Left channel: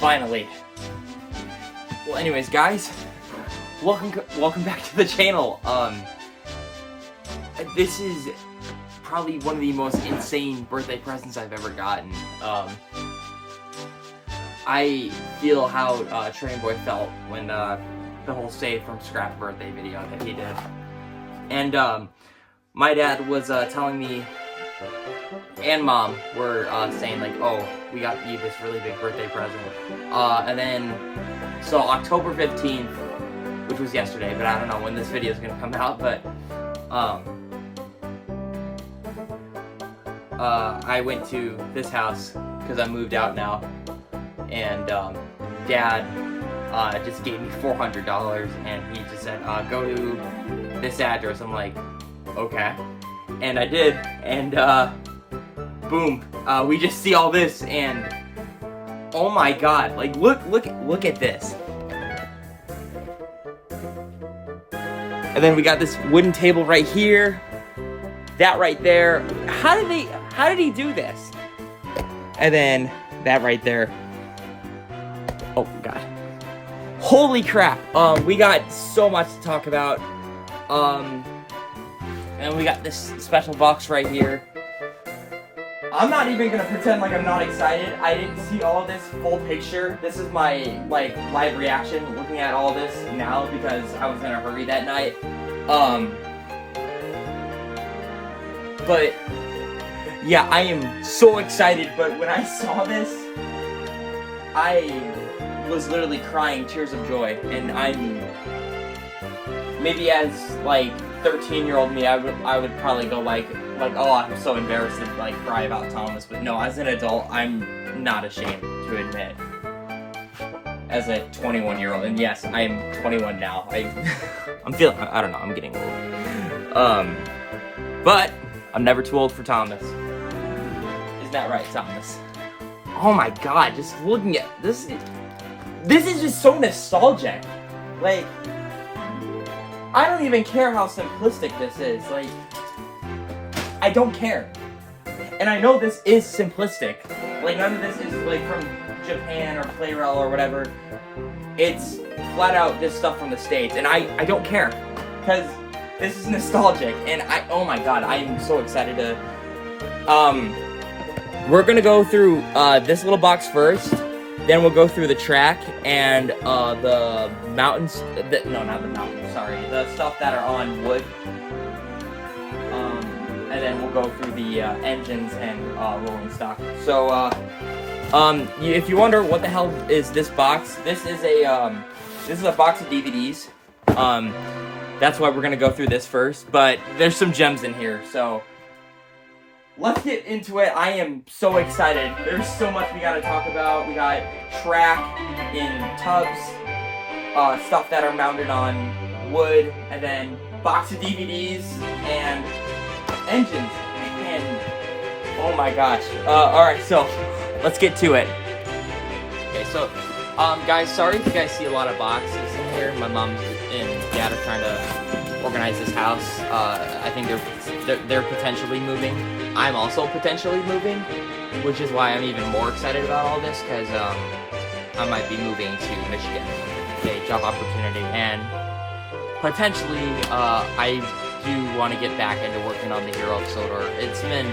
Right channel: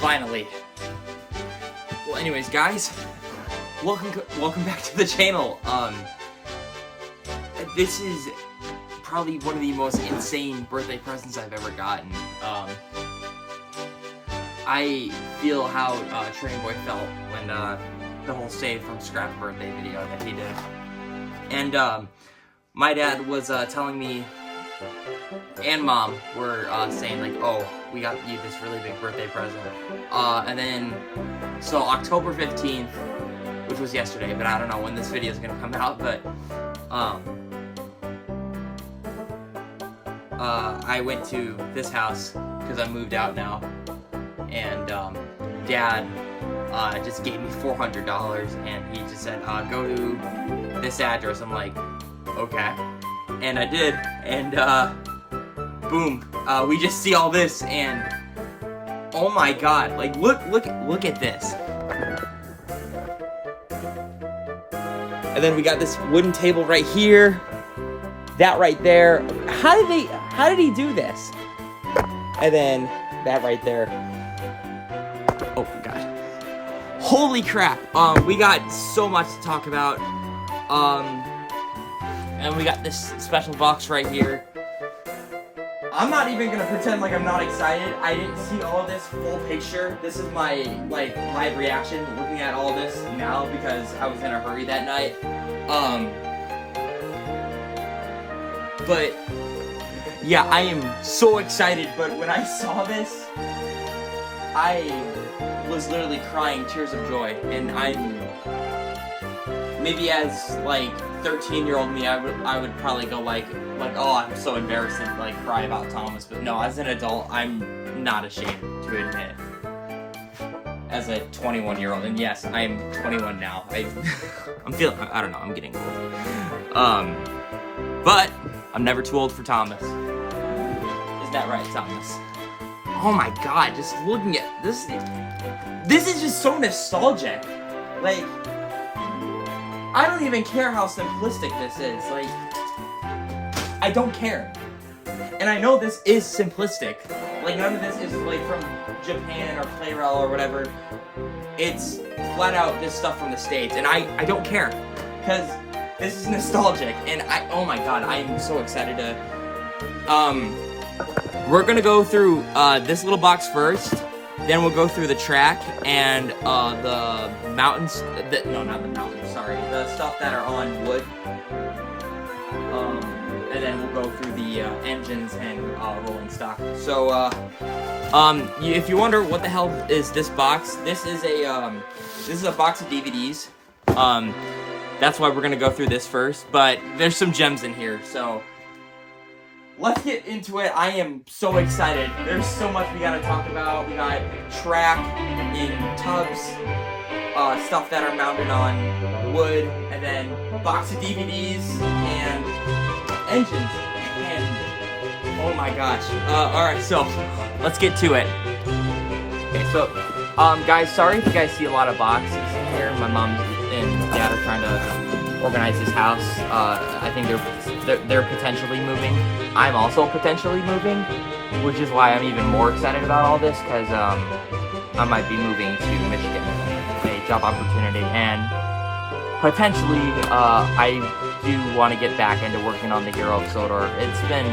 Finally. Well, anyways, guys, welcome back to the channel. This is probably one of the most insane birthday presents I've ever gotten. I feel how Train Boy felt when the whole Save from Scrap birthday video that he did. And my dad was telling me, and mom were saying like, oh, we got you this really big birthday present. And then, so October 15th, which was yesterday, but I don't know when this video is gonna come out, but I went to this house because I moved out now, and dad just gave me $400, and he just said, go to this address. I'm like, okay. And I did, and boom, we just see all this, and oh my god, like look at this. And then we got this wooden table right here, that right there. How did he do this? And then that right there. Oh my god. Holy crap. We got so much to talk about. And we got this special box right here. I'm not even gonna pretend like I'm not excited. I didn't see all this full picture. This is my like live reaction looking at all this now because I was in a hurry that night. But yeah, I am so excited. But when I saw this, I was literally crying tears of joy. And I'm maybe as like 13-year-old me, I would probably go like, oh, I'm so embarrassed and like cry about Thomas. But no, as an adult, I'm not ashamed to admit. As a 21-year-old, and yes, I am 21 now. I'm feeling, I don't know, I'm getting old. But I'm never too old for Thomas. Isn't that right, Thomas? Oh my god, just looking at this. This is just so nostalgic. Like, I don't even care how simplistic this is. Like, I don't care. And I know this is simplistic. Like, none of this is, like, from Japan or Clayrel or whatever. It's flat out this stuff from the States. And I don't care. Because this is nostalgic. And oh my god, I am so excited to... We're gonna go through this little box first. Then we'll go through the track and the mountains. No, not the mountains. Sorry, the stuff that are on wood. And then we'll go through the engines and rolling stock. So, if you wonder what the hell is this box, this is a box of DVDs. That's why we're gonna go through this first. But there's some gems in here, so. Let's get into it. I am so excited. There's so much we gotta talk about. We got track in tubs, stuff that are mounted on wood, and then box of DVDs and engines. And oh my gosh. Alright, so let's get to it. Okay, so guys, sorry if you guys see a lot of boxes here. My mom and dad are trying to organize this house. I think they're potentially moving. I'm also potentially moving, which is why I'm even more excited about all this, because I might be moving to Michigan, a job opportunity, and potentially I do want to get back into working on the Hero of Sodor. It's been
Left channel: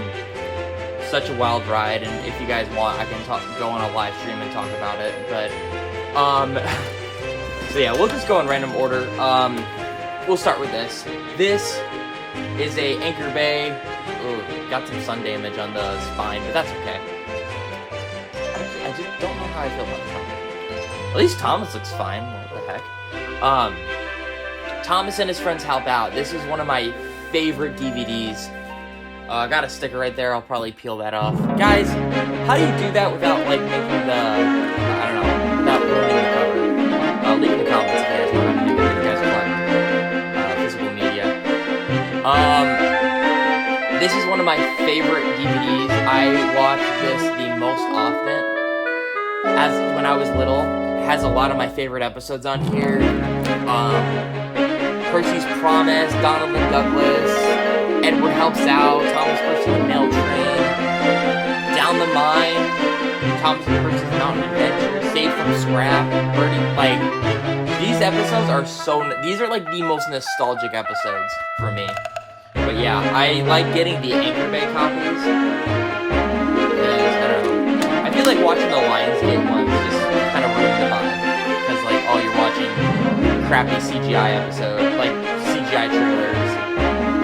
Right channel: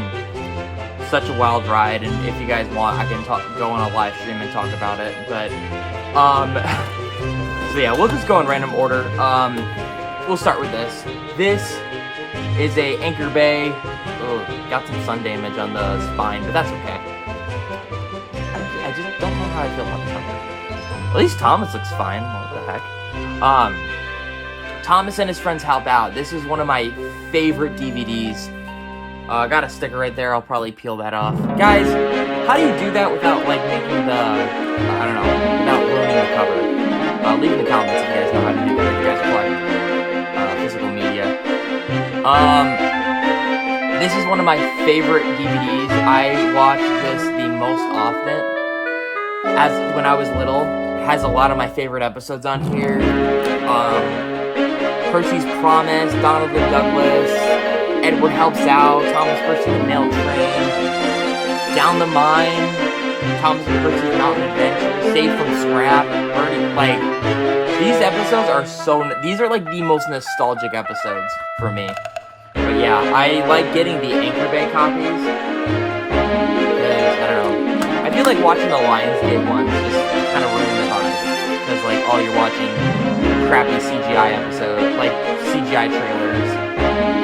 such a wild ride, and if you guys want, I can go on a live stream and talk about it, but so yeah, we'll just go in random order. We'll start with this. This is a Anchor Bay. Oh, got some sun damage on the spine, but that's okay. At least Thomas looks fine. What the heck? Thomas and his friends help out. This is one of my favorite DVDs. I got a sticker right there. I'll probably peel that off. Guys, how do you do that without like making the, I don't know, not ruining the cover? Leave in the comments if you guys want to do that. You guys want physical media. This is one of my favorite DVDs. I watched this the most often. As when I was little, it has a lot of my favorite episodes on here. Percy's Promise, Donovan Douglas, Edward Helps Out, Thomas versus Mail Train, Down the Mine, Thomas versus Mountain Adventure, Safe from these are like the most nostalgic episodes for me. But yeah, I like getting the Anchor Bay copies. I feel like watching the Lionsgate ones just kind of ruins it. Because like all you're watching crappy CGI episodes, like CGI trailers,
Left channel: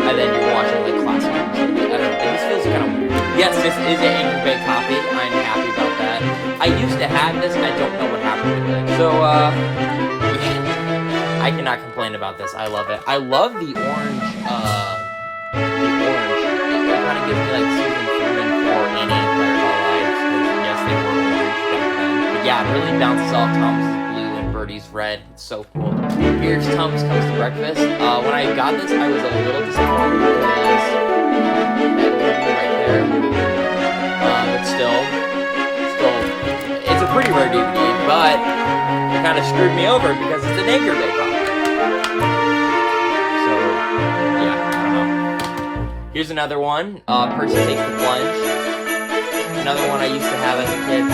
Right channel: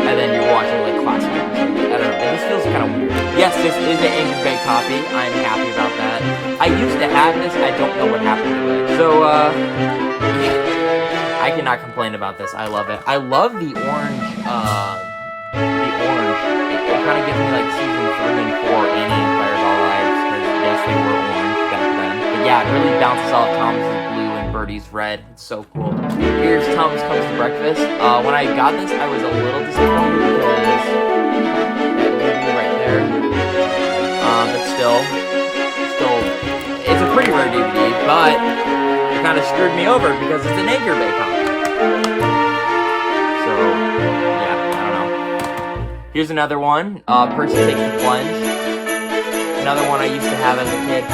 and then you're watching like classic episodes. I don't know, this feels kind of weird. Yes, this is an Anchor Bay copy. I'm happy about that. I used to have this, I don't know what happened to it. So, I cannot complain about this. I love it. I love the orange, it kind of gives me like season 3 and 4 in Empire vibes, because yes, they were orange back then. But yeah, it really bounces off Tom's blue and Birdie's red. It's so cool. Here's Tom's Coast Breakfast. When I got this, I was a little disappointed because that logo right there. But still, it's a pretty rare DVD, but it kind of screwed me over because it's an Anchor Bay copy. So, yeah, I don't know. Here's another one. Percy Takes the Plunge. Another one I used to have as a kid. It's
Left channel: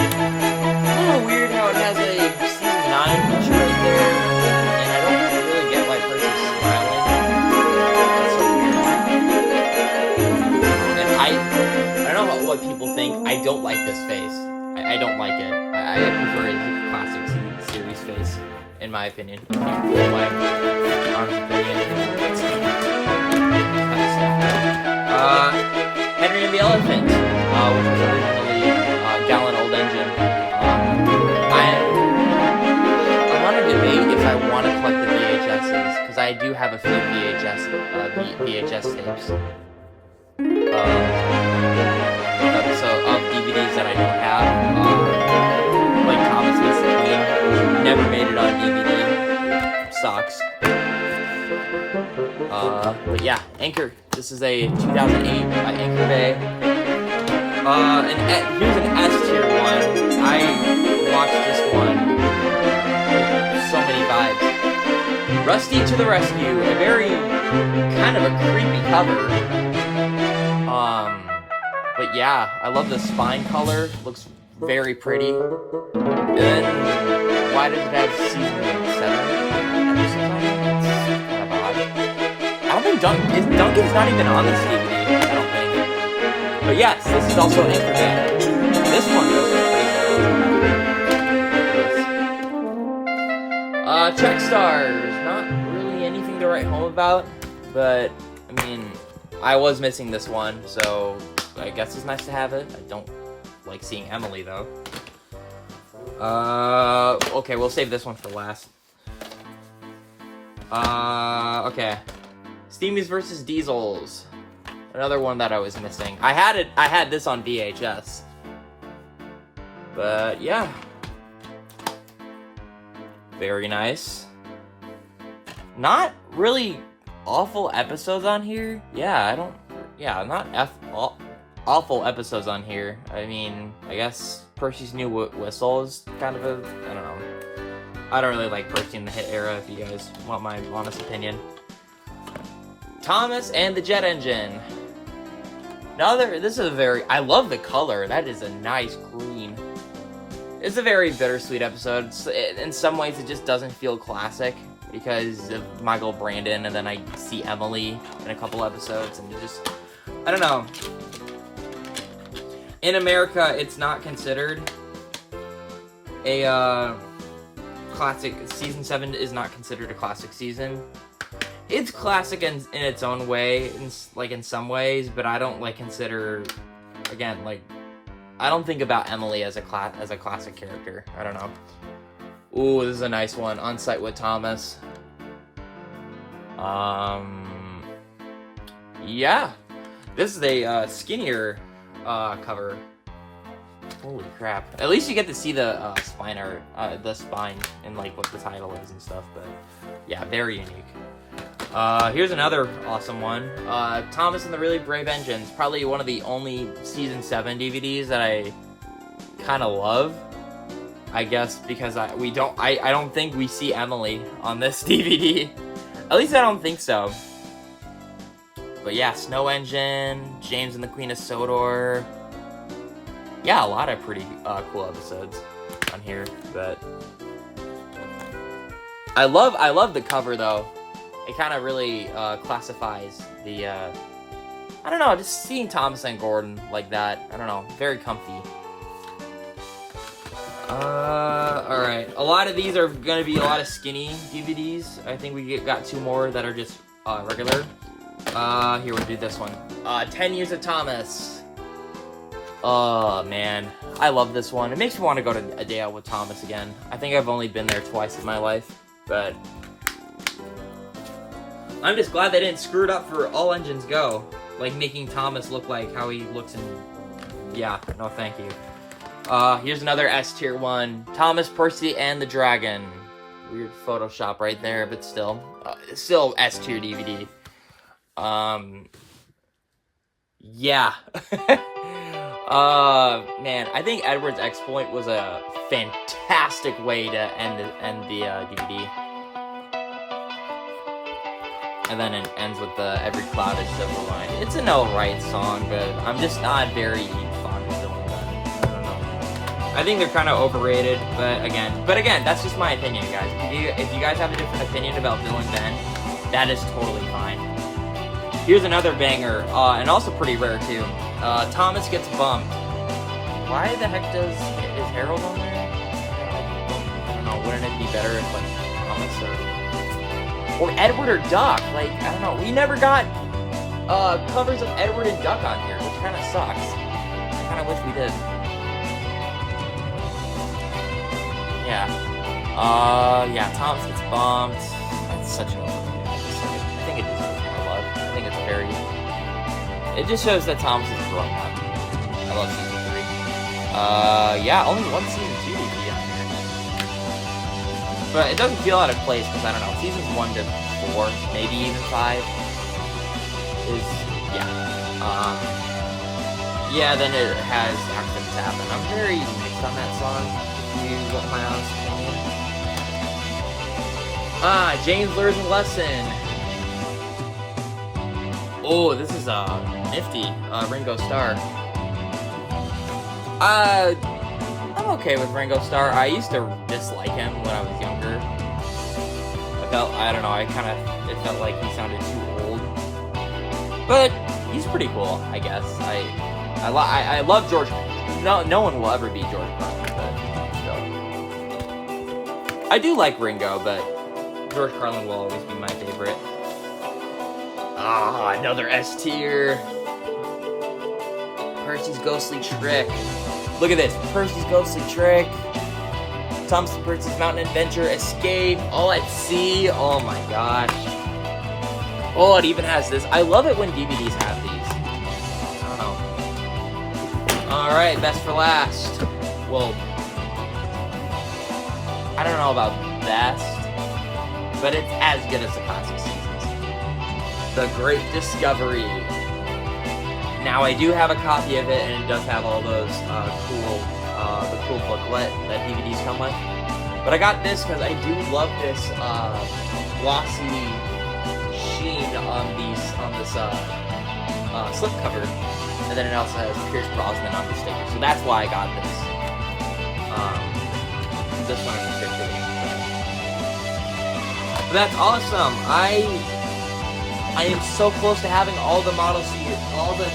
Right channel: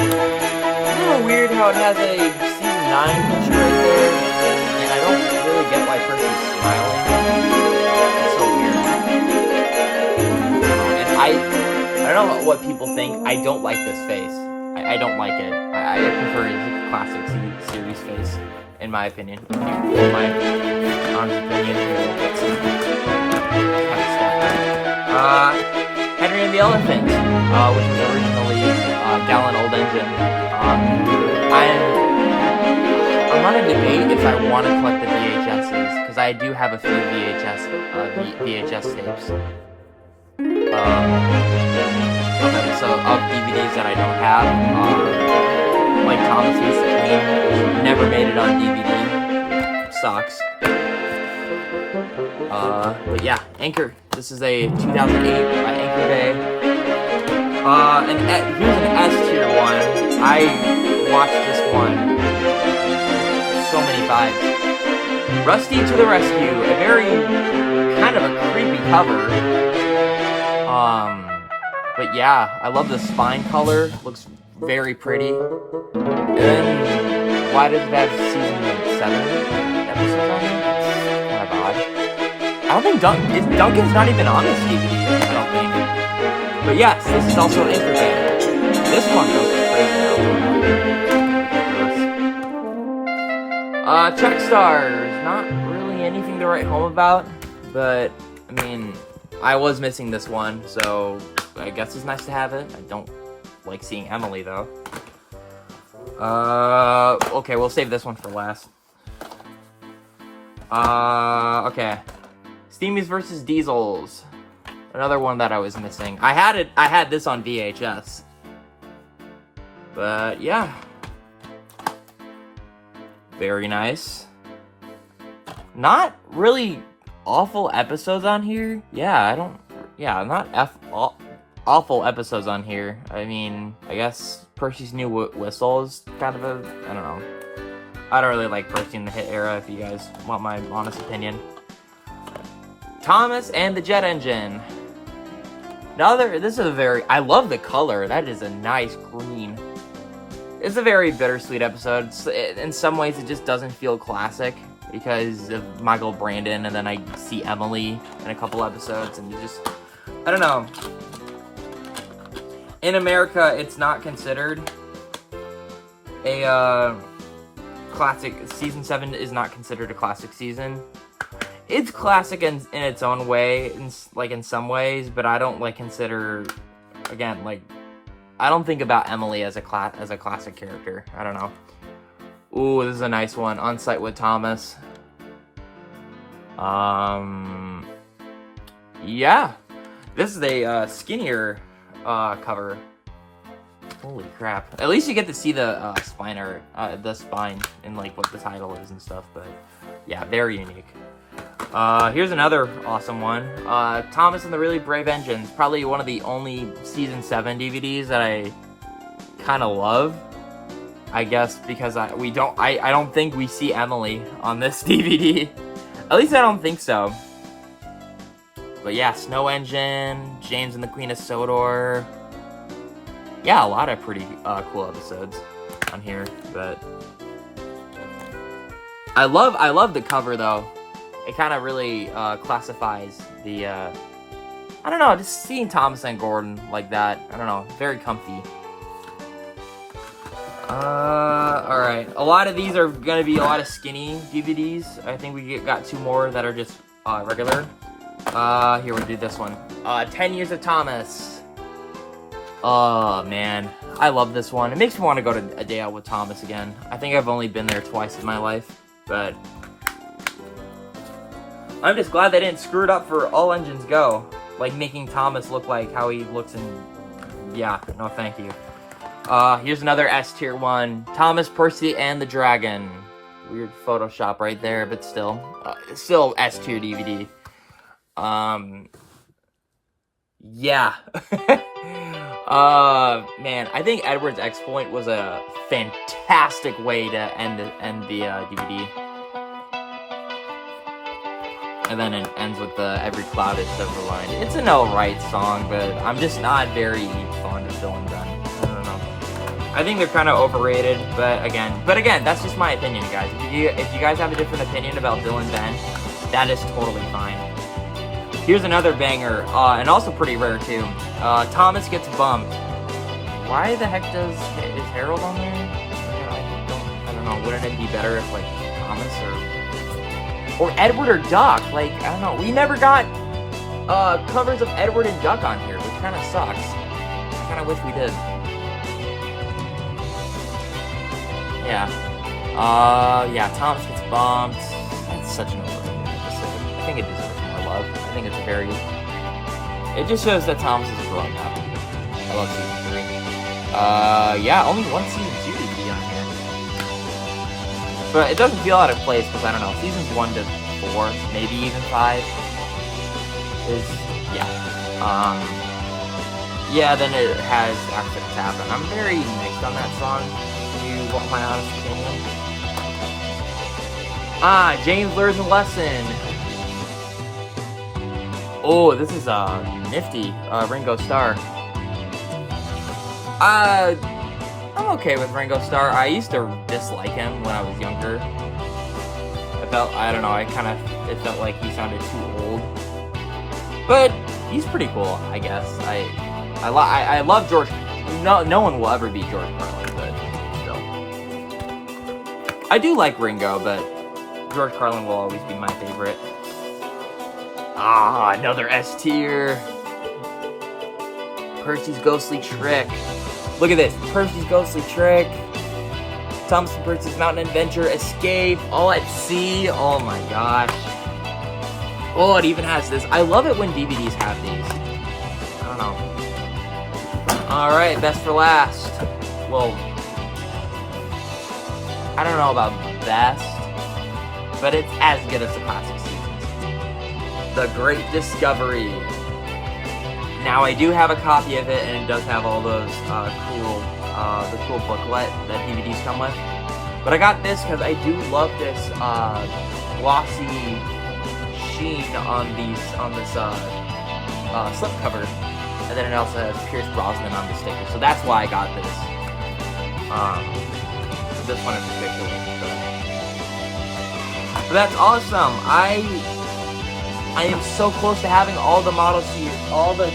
a little weird how it has a season 9 picture here, and I don't really get why Percy's smiling. That's so weird. And I don't know what people think. I don't like this face. I don't like it. I prefer a classic series face, in my opinion. Henry and the Elephant, which was originally down on Old Engine. I'm on a debate if I want to collect the VHSs, because I do have a few VHS tapes. So of DVDs that I don't have, like Thomas Missed the Queen, never made it on DVD. Sucks. But yeah, Anchor. This is a 2008 Anchor Bay. And here's an S tier one. I watched this one so many times. Rusty to the Rescue. A very kind of a creepy cover. But yeah, I love the spine color. Looks very pretty. And why does it have season 7? Duncan's not even on this DVD, I don't think. But yes, this is also an Anchor Bay. This one was Chuck Stars. Not really anything to write home about, but I mean, I was missing this one, so I guess it's nice to have it. I don't like seeing Emily though. Okay, we'll save this one for last. Okay. Steamies versus Diesels. Another one that I was missing. I had this on VHS. But yeah. Very nice. Not really awful episodes on here. Not awful episodes on here. I mean, I guess Percy's New Whistle is kind of a, I don't know. I don't really like Percy in the Hit era, if you guys want my honest opinion. Thomas and the Jet Engine. This is a very, I love the color. That is a nice green. It's a very bittersweet episode. In some ways, it just doesn't feel classic because of Michael Brandon, and then I see Emily in a couple episodes, and it just, I don't know. In America, it's not considered a classic. Season 7 is not considered a classic season. It's classic in its own way, in some ways, but I don't consider, again, I don't think about Emily as a classic character. I don't know. Ooh, this is a nice one. On Site with Thomas. Yeah, this is a skinnier cover. Holy crap! At least you get to see the spine and what the title is and stuff. But yeah, very unique. Here's another awesome one. Thomas and the Really Brave Engines. Probably one of the only Season 7 DVDs that I kind of love. I guess because I don't think we see Emily on this DVD. At least I don't think so. But yeah, Snow Engine, James and the Queen of Sodor. Yeah, a lot of pretty cool episodes on here, but I love the cover though. It kind of really classifies the. I don't know, just seeing Thomas and Gordon like that. I don't know, very comfy. Alright. A lot of these are gonna be a lot of skinny DVDs. I think we got 2 more that are just regular. Here, we'll do this one. 10 Years of Thomas. Oh, man. I love this one. It makes me want to go to A Day Out with Thomas again. I think I've only been there twice in my life, but I'm just glad they didn't screw it up for All Engines Go. Like, making Thomas look like how he looks in... Yeah, no thank you. Here's another S-tier one. Thomas, Percy, and the Dragon. Weird Photoshop right there, but still. Still S-tier DVD. Yeah. Man, I think Edward's Exploit was a fantastic way to end the DVD. And then it ends with the Every Cloud is Silver line. It's an alright song, but I'm just not very fond of them. I don't know. I think they're kind of overrated, but again, that's just my opinion, guys. If you guys have a different opinion about Bill and Ben, that is totally fine. Here's another banger, and also pretty rare too. Thomas Gets Bumped. Why the heck is Harold on there? I don't know, wouldn't it be better if like Thomas or Edward or Duck? Like, I don't know. We never got covers of Edward and Duck on here, which kind of sucks. I kind of wish we did. Yeah, Thomas Gets Bumped. It's such an old movie. I think it deserves love. I think it's very... It just shows that Thomas is growing up. I love season 3. Yeah, only one season 2 DVD on here. But it doesn't feel out of place, because I don't know, seasons 1 to 4, maybe even 5, is, yeah, then it has Accidents Happen. I'm very mixed on that song, if you want my honest opinion. James Learns a Lesson. Oh, this is, nifty, Ringo Starr. I'm okay with Ringo Starr. I used to dislike him when I was younger. I don't know, it felt like he sounded too old. But he's pretty cool, I guess. I love George. No one will ever beat George. So. I do like Ringo, but George Carlin will always be my favorite. Another S tier. Percy's Ghostly Trick. Look at this. Percy's Ghostly Trick. Thomas and Percy's Mountain Adventure. Escape. All at Sea. Oh my gosh. Oh, it even has this. I love it when DVDs have these. Alright, best for last. Well, I don't know about best, but it's as good as the classic seasons. The Great Discovery. Now, I do have a copy of it, and it does have all those the cool booklet that DVDs come with. But I got this because I do love this glossy sheen on this slipcover, and then it also has Pierce Brosnan on the sticker. So that's why I got this. So this one in particular. But that's awesome. I am so close to having all the model series, all the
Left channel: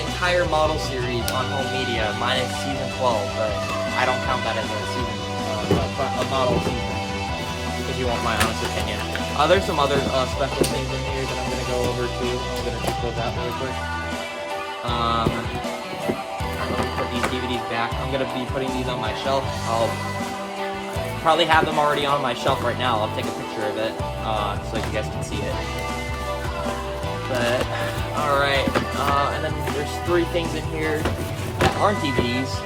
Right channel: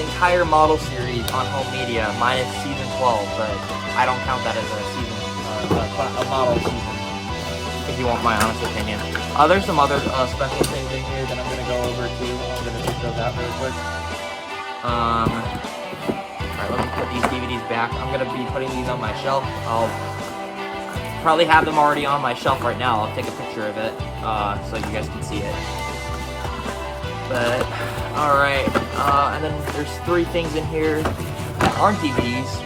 entire model series on home media, minus season 12, but I don't count that as a season, a model season, if you want my honest opinion. There's some other special things in here that I'm going to go over too. I'm going to check those out really quick. Put these DVDs back. I'm going to be putting these on my shelf. I'll probably have them already on my shelf right now. I'll take a picture of it so you guys can see it. But, alright. And then there's 3 things in here that aren't DVDs.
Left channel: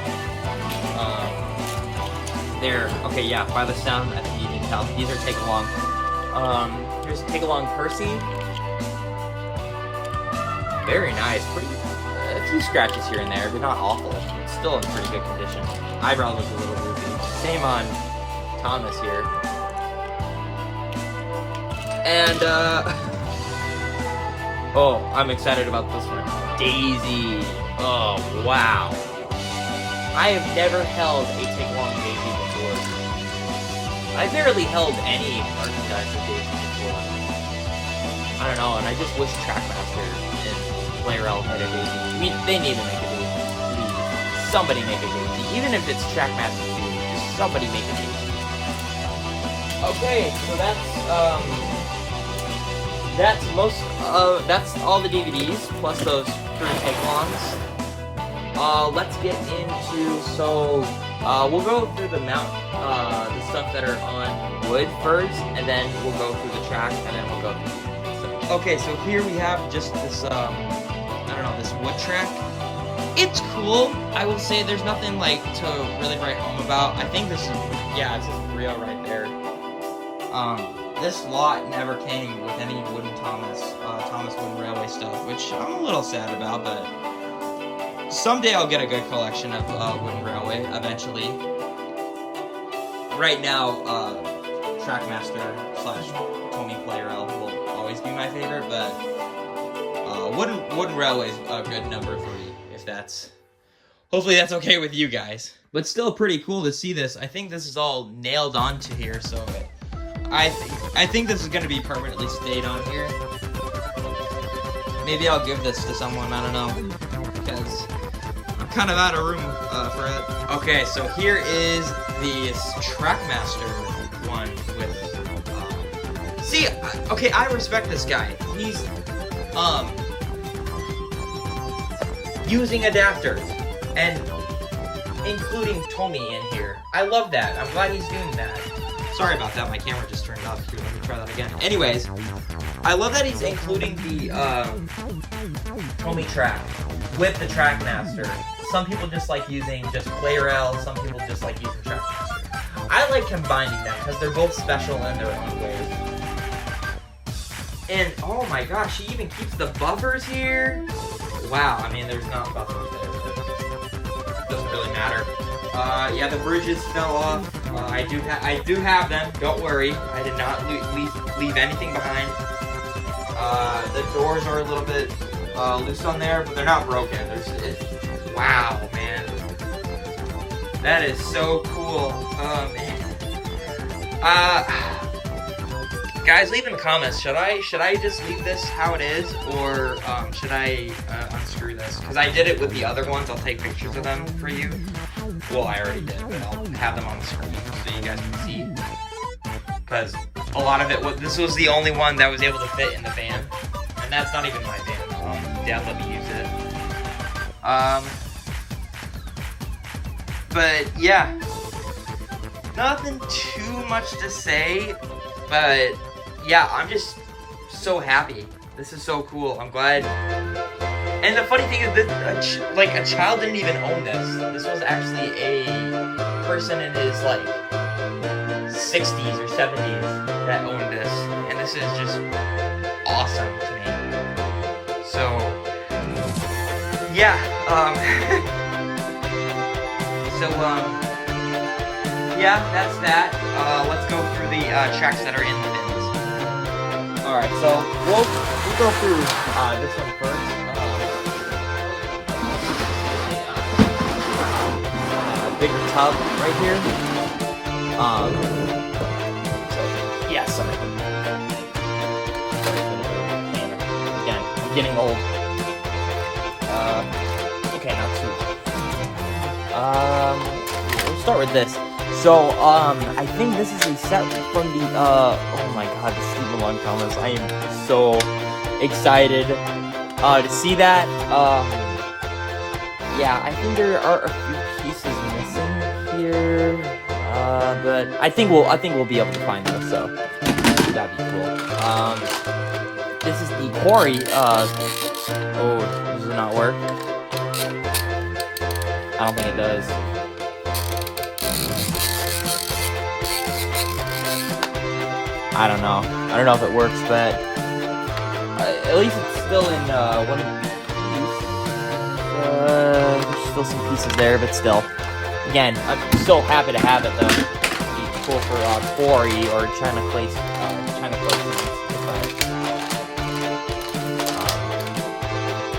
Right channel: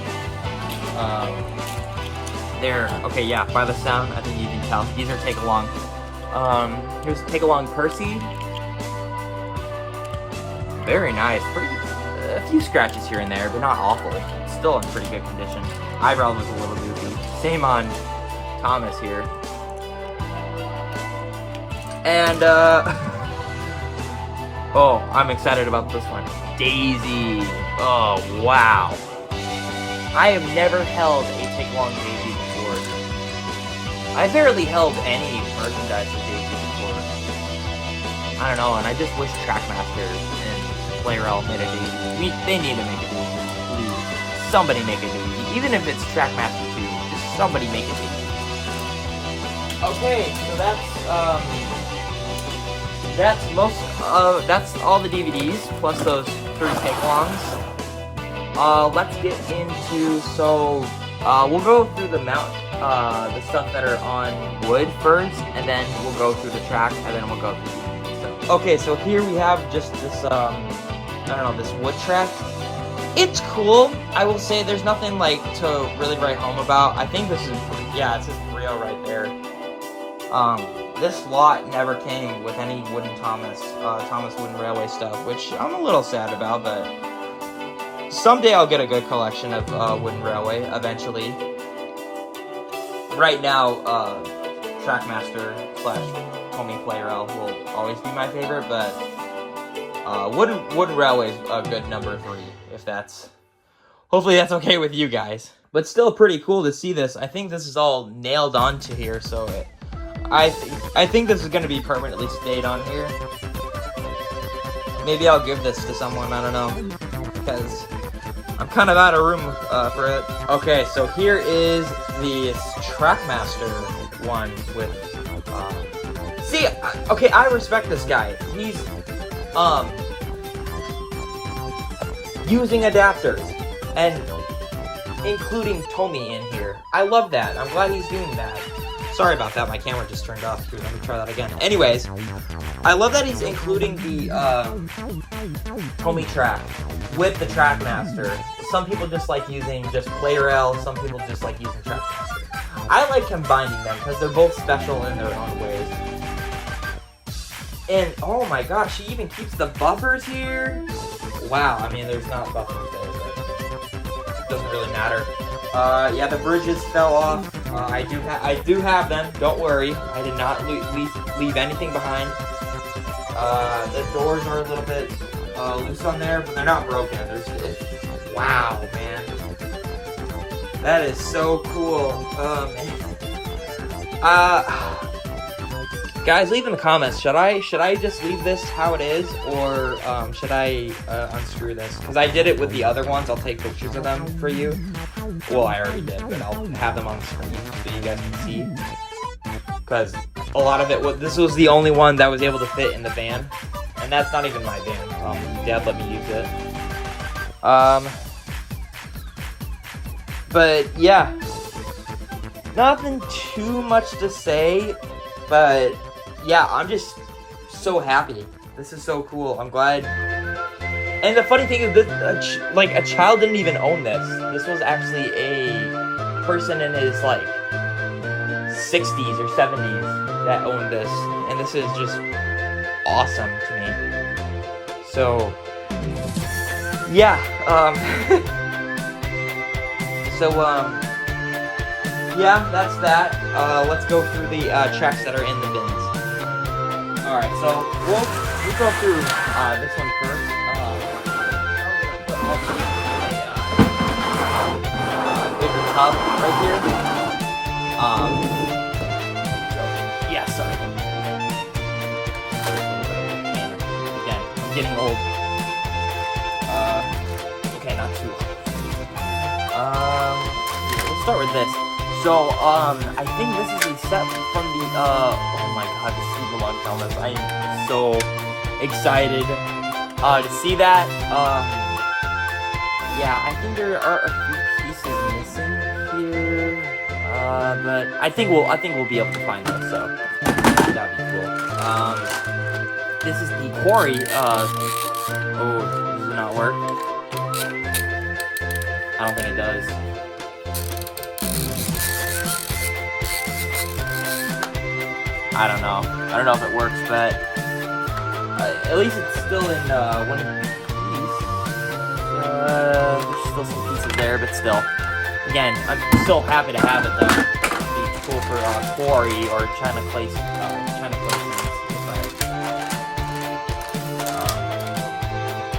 Okay, yeah, by the sound, I think you can tell. These are take-along. Here's Take-Along Percy. Very nice. A few scratches here and there, but not awful. It's still in pretty good condition. Eyebrows look a little goofy. Same on Thomas here. And, oh, I'm excited about this one. Daisy. Oh, wow. I have never held a take-along Daisy before. I barely held any merchandise with JP before. I don't know, and I just wish Trackmaster and Playrel made a Daisy. They need to make a Daisy. Please. Somebody make a Daisy. Even if it's Trackmaster 2, just somebody make a Daisy. Okay, so that's all the DVDs, plus those 3 pink ones. Let's get into, we'll go through the stuff that are on wood first, and then we'll go through the tracks, and then we'll go through the... Okay, so here we have just this, this wood track. It's cool. I will say there's nothing, like, to really write home about. I think this is, yeah, it says 3.0 right there. This lot never came with any Thomas Wooden Railway stuff, which I'm a little sad about, but someday I'll get a good collection of Wooden Railway, eventually. Right now, Trackmaster / Homie Playrel will always be my favorite, but Wooden Railway is a good number 3, if that's... Hopefully that's okay with you guys. But still pretty cool to see this. I think this is all nailed onto here, so I think this is going to be permanently stayed on here. Maybe I'll give this to someone, I don't know, because I'm kind of out of room for it. Okay, so here is the Trackmaster one with, see, okay, I respect this guy. He's, using adapters, and including Tomy in here. I love that. I'm glad he's doing that. Sorry about that, my camera just turned off. Let me try that again. Anyways, I love that he's including the Tomy track with the Trackmaster. Some people just like using just Playrel, some people just like using Trackmaster. I like combining them because they're both special in their own ways. And oh my gosh, she even keeps the buffers here. Wow, I mean there's not buffers there, but it doesn't really matter. Yeah, the bridges fell off. I do have them. Don't worry. I did not leave anything behind. The doors are a little bit loose on there, but they're not broken. Wow, man. That is so cool. Man. Guys, leave in the comments. Should I just leave this how it is, or should I unscrew this? Because I did it with the other ones. I'll take pictures of them for you. Well, I already did, but I'll have them on the screen so you guys can see. Because a lot of it this was the only one that was able to fit in the van, and that's not even my van. Dad let me use it. But yeah, nothing too much to say, but yeah, I'm just so happy. This is so cool. I'm glad. And the funny thing is, a child didn't even own this. This was actually a person in his, 60s or 70s that owned this. And this is just awesome to me. So, yeah. Yeah, that's that. Let's go through the tracks that are in the bins. Alright, so we'll go through this one first. Bigger tub right here. Yeah, so again, I'm getting old. Okay, not too. We'll start with this. So, I think this is a set from the, oh my god, this is the long comments. I am so excited, to see that. Yeah, I think there are a few pieces missing here, but I think we'll be able to find them, so that'd be cool. This is the quarry of, oh, does it not work? I don't think it does. I don't know if it works, but at least it's still in one of the pieces. There's still some pieces there, but still. Again, I'm so happy to have it though. The poker quarry or trying to place it.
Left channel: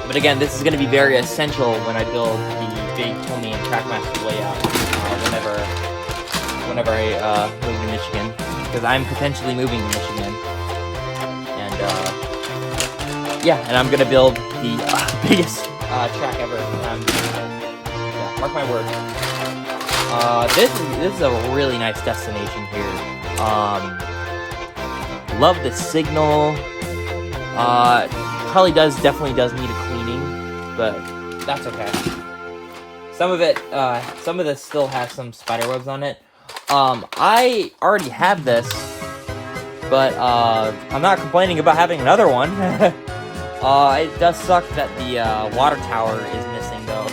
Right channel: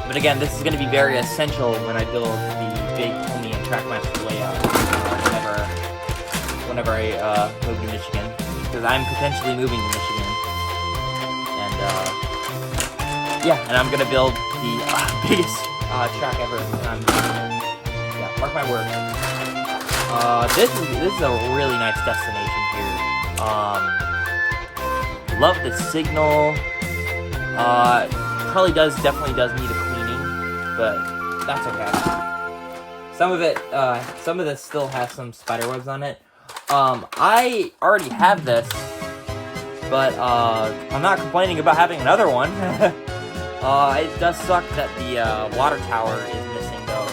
But again, this is going to be very essential when I build the big Tony and Trackmaster layout whenever I move to Michigan. I'm potentially moving to Michigan. And, yeah, and I'm gonna build the biggest track ever. Mark my words. This is a really nice destination here. Love the signal. Probably definitely does need a cleaning, but that's okay. Some of this still has some spider webs on it. I already have this, but I'm not complaining about having another one. It does suck that the water tower is missing, though.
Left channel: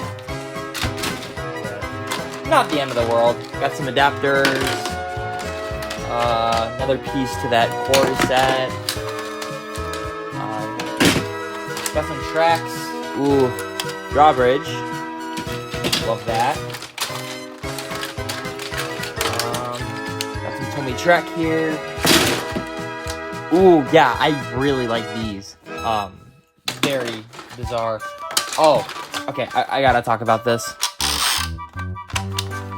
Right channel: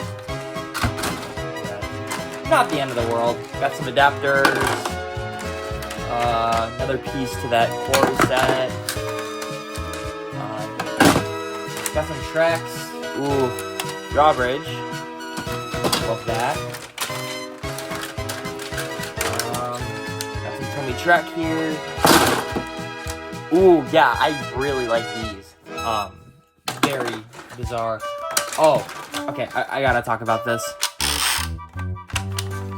Not the end of the world. Got some adapters. Another piece to that core set. Got some tracks. Ooh, drawbridge. Love that. Got some Tommy track here. Ooh, yeah, I really like these. Very bizarre. Oh, okay, I gotta talk about this.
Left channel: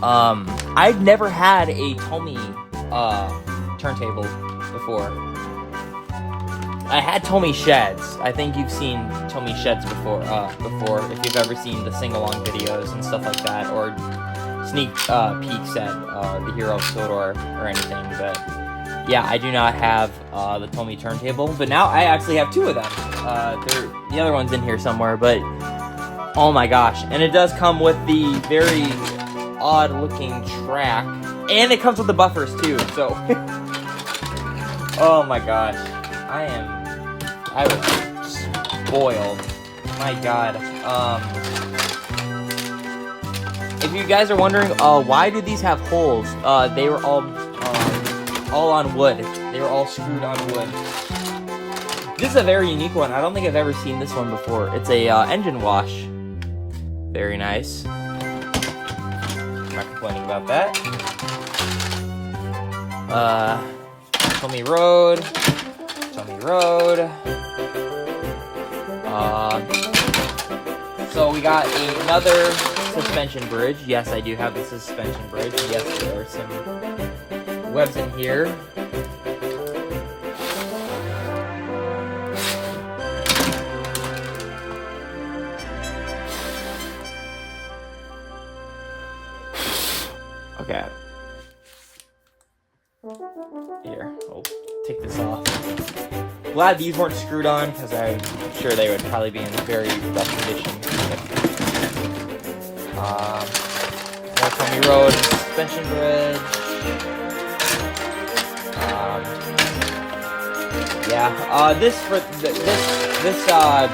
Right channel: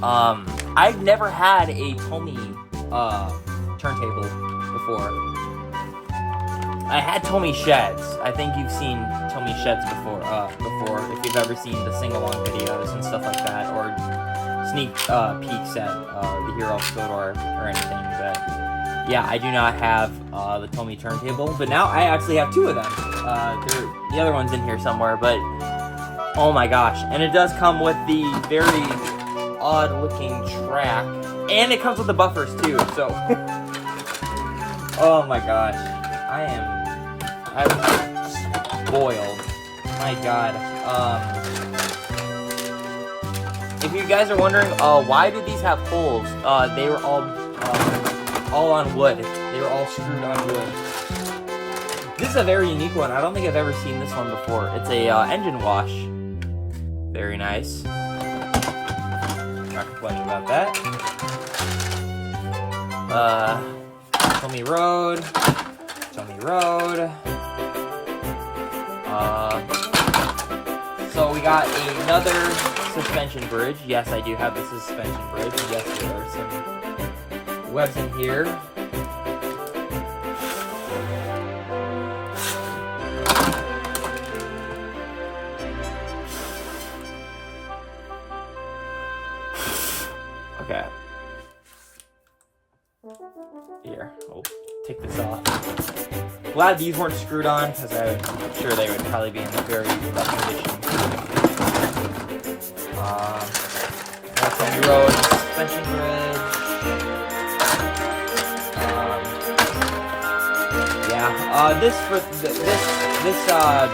I've never had a Tommy turntable before. I had Tommy sheds. I think you've seen Tommy sheds before if you've ever seen the sing-along videos and stuff like that, or sneak peeks at the Hero Sodor or anything. But yeah, I do not have the Tommy turntable, but now I actually have two of them. The other one's in here somewhere, but oh my gosh! And it does come with the very odd-looking track, and it comes with the buffers too. So, oh my gosh, I was spoiled. My God. If you guys are wondering, why do these have holes? They were all on wood. They were all screwed on wood. This is a very unique one. I don't think I've ever seen this one before. It's a engine wash. Very nice. Not complaining about that. Tommy Road. So we got another suspension bridge. Yes, I do have the suspension bridge. Yes, there are some webs in here. Okay. Here, I'll take this off. Glad these weren't screwed on, because I'm sure they would probably be in a very rough condition. That's Tommy Road suspension bridge. Yeah, this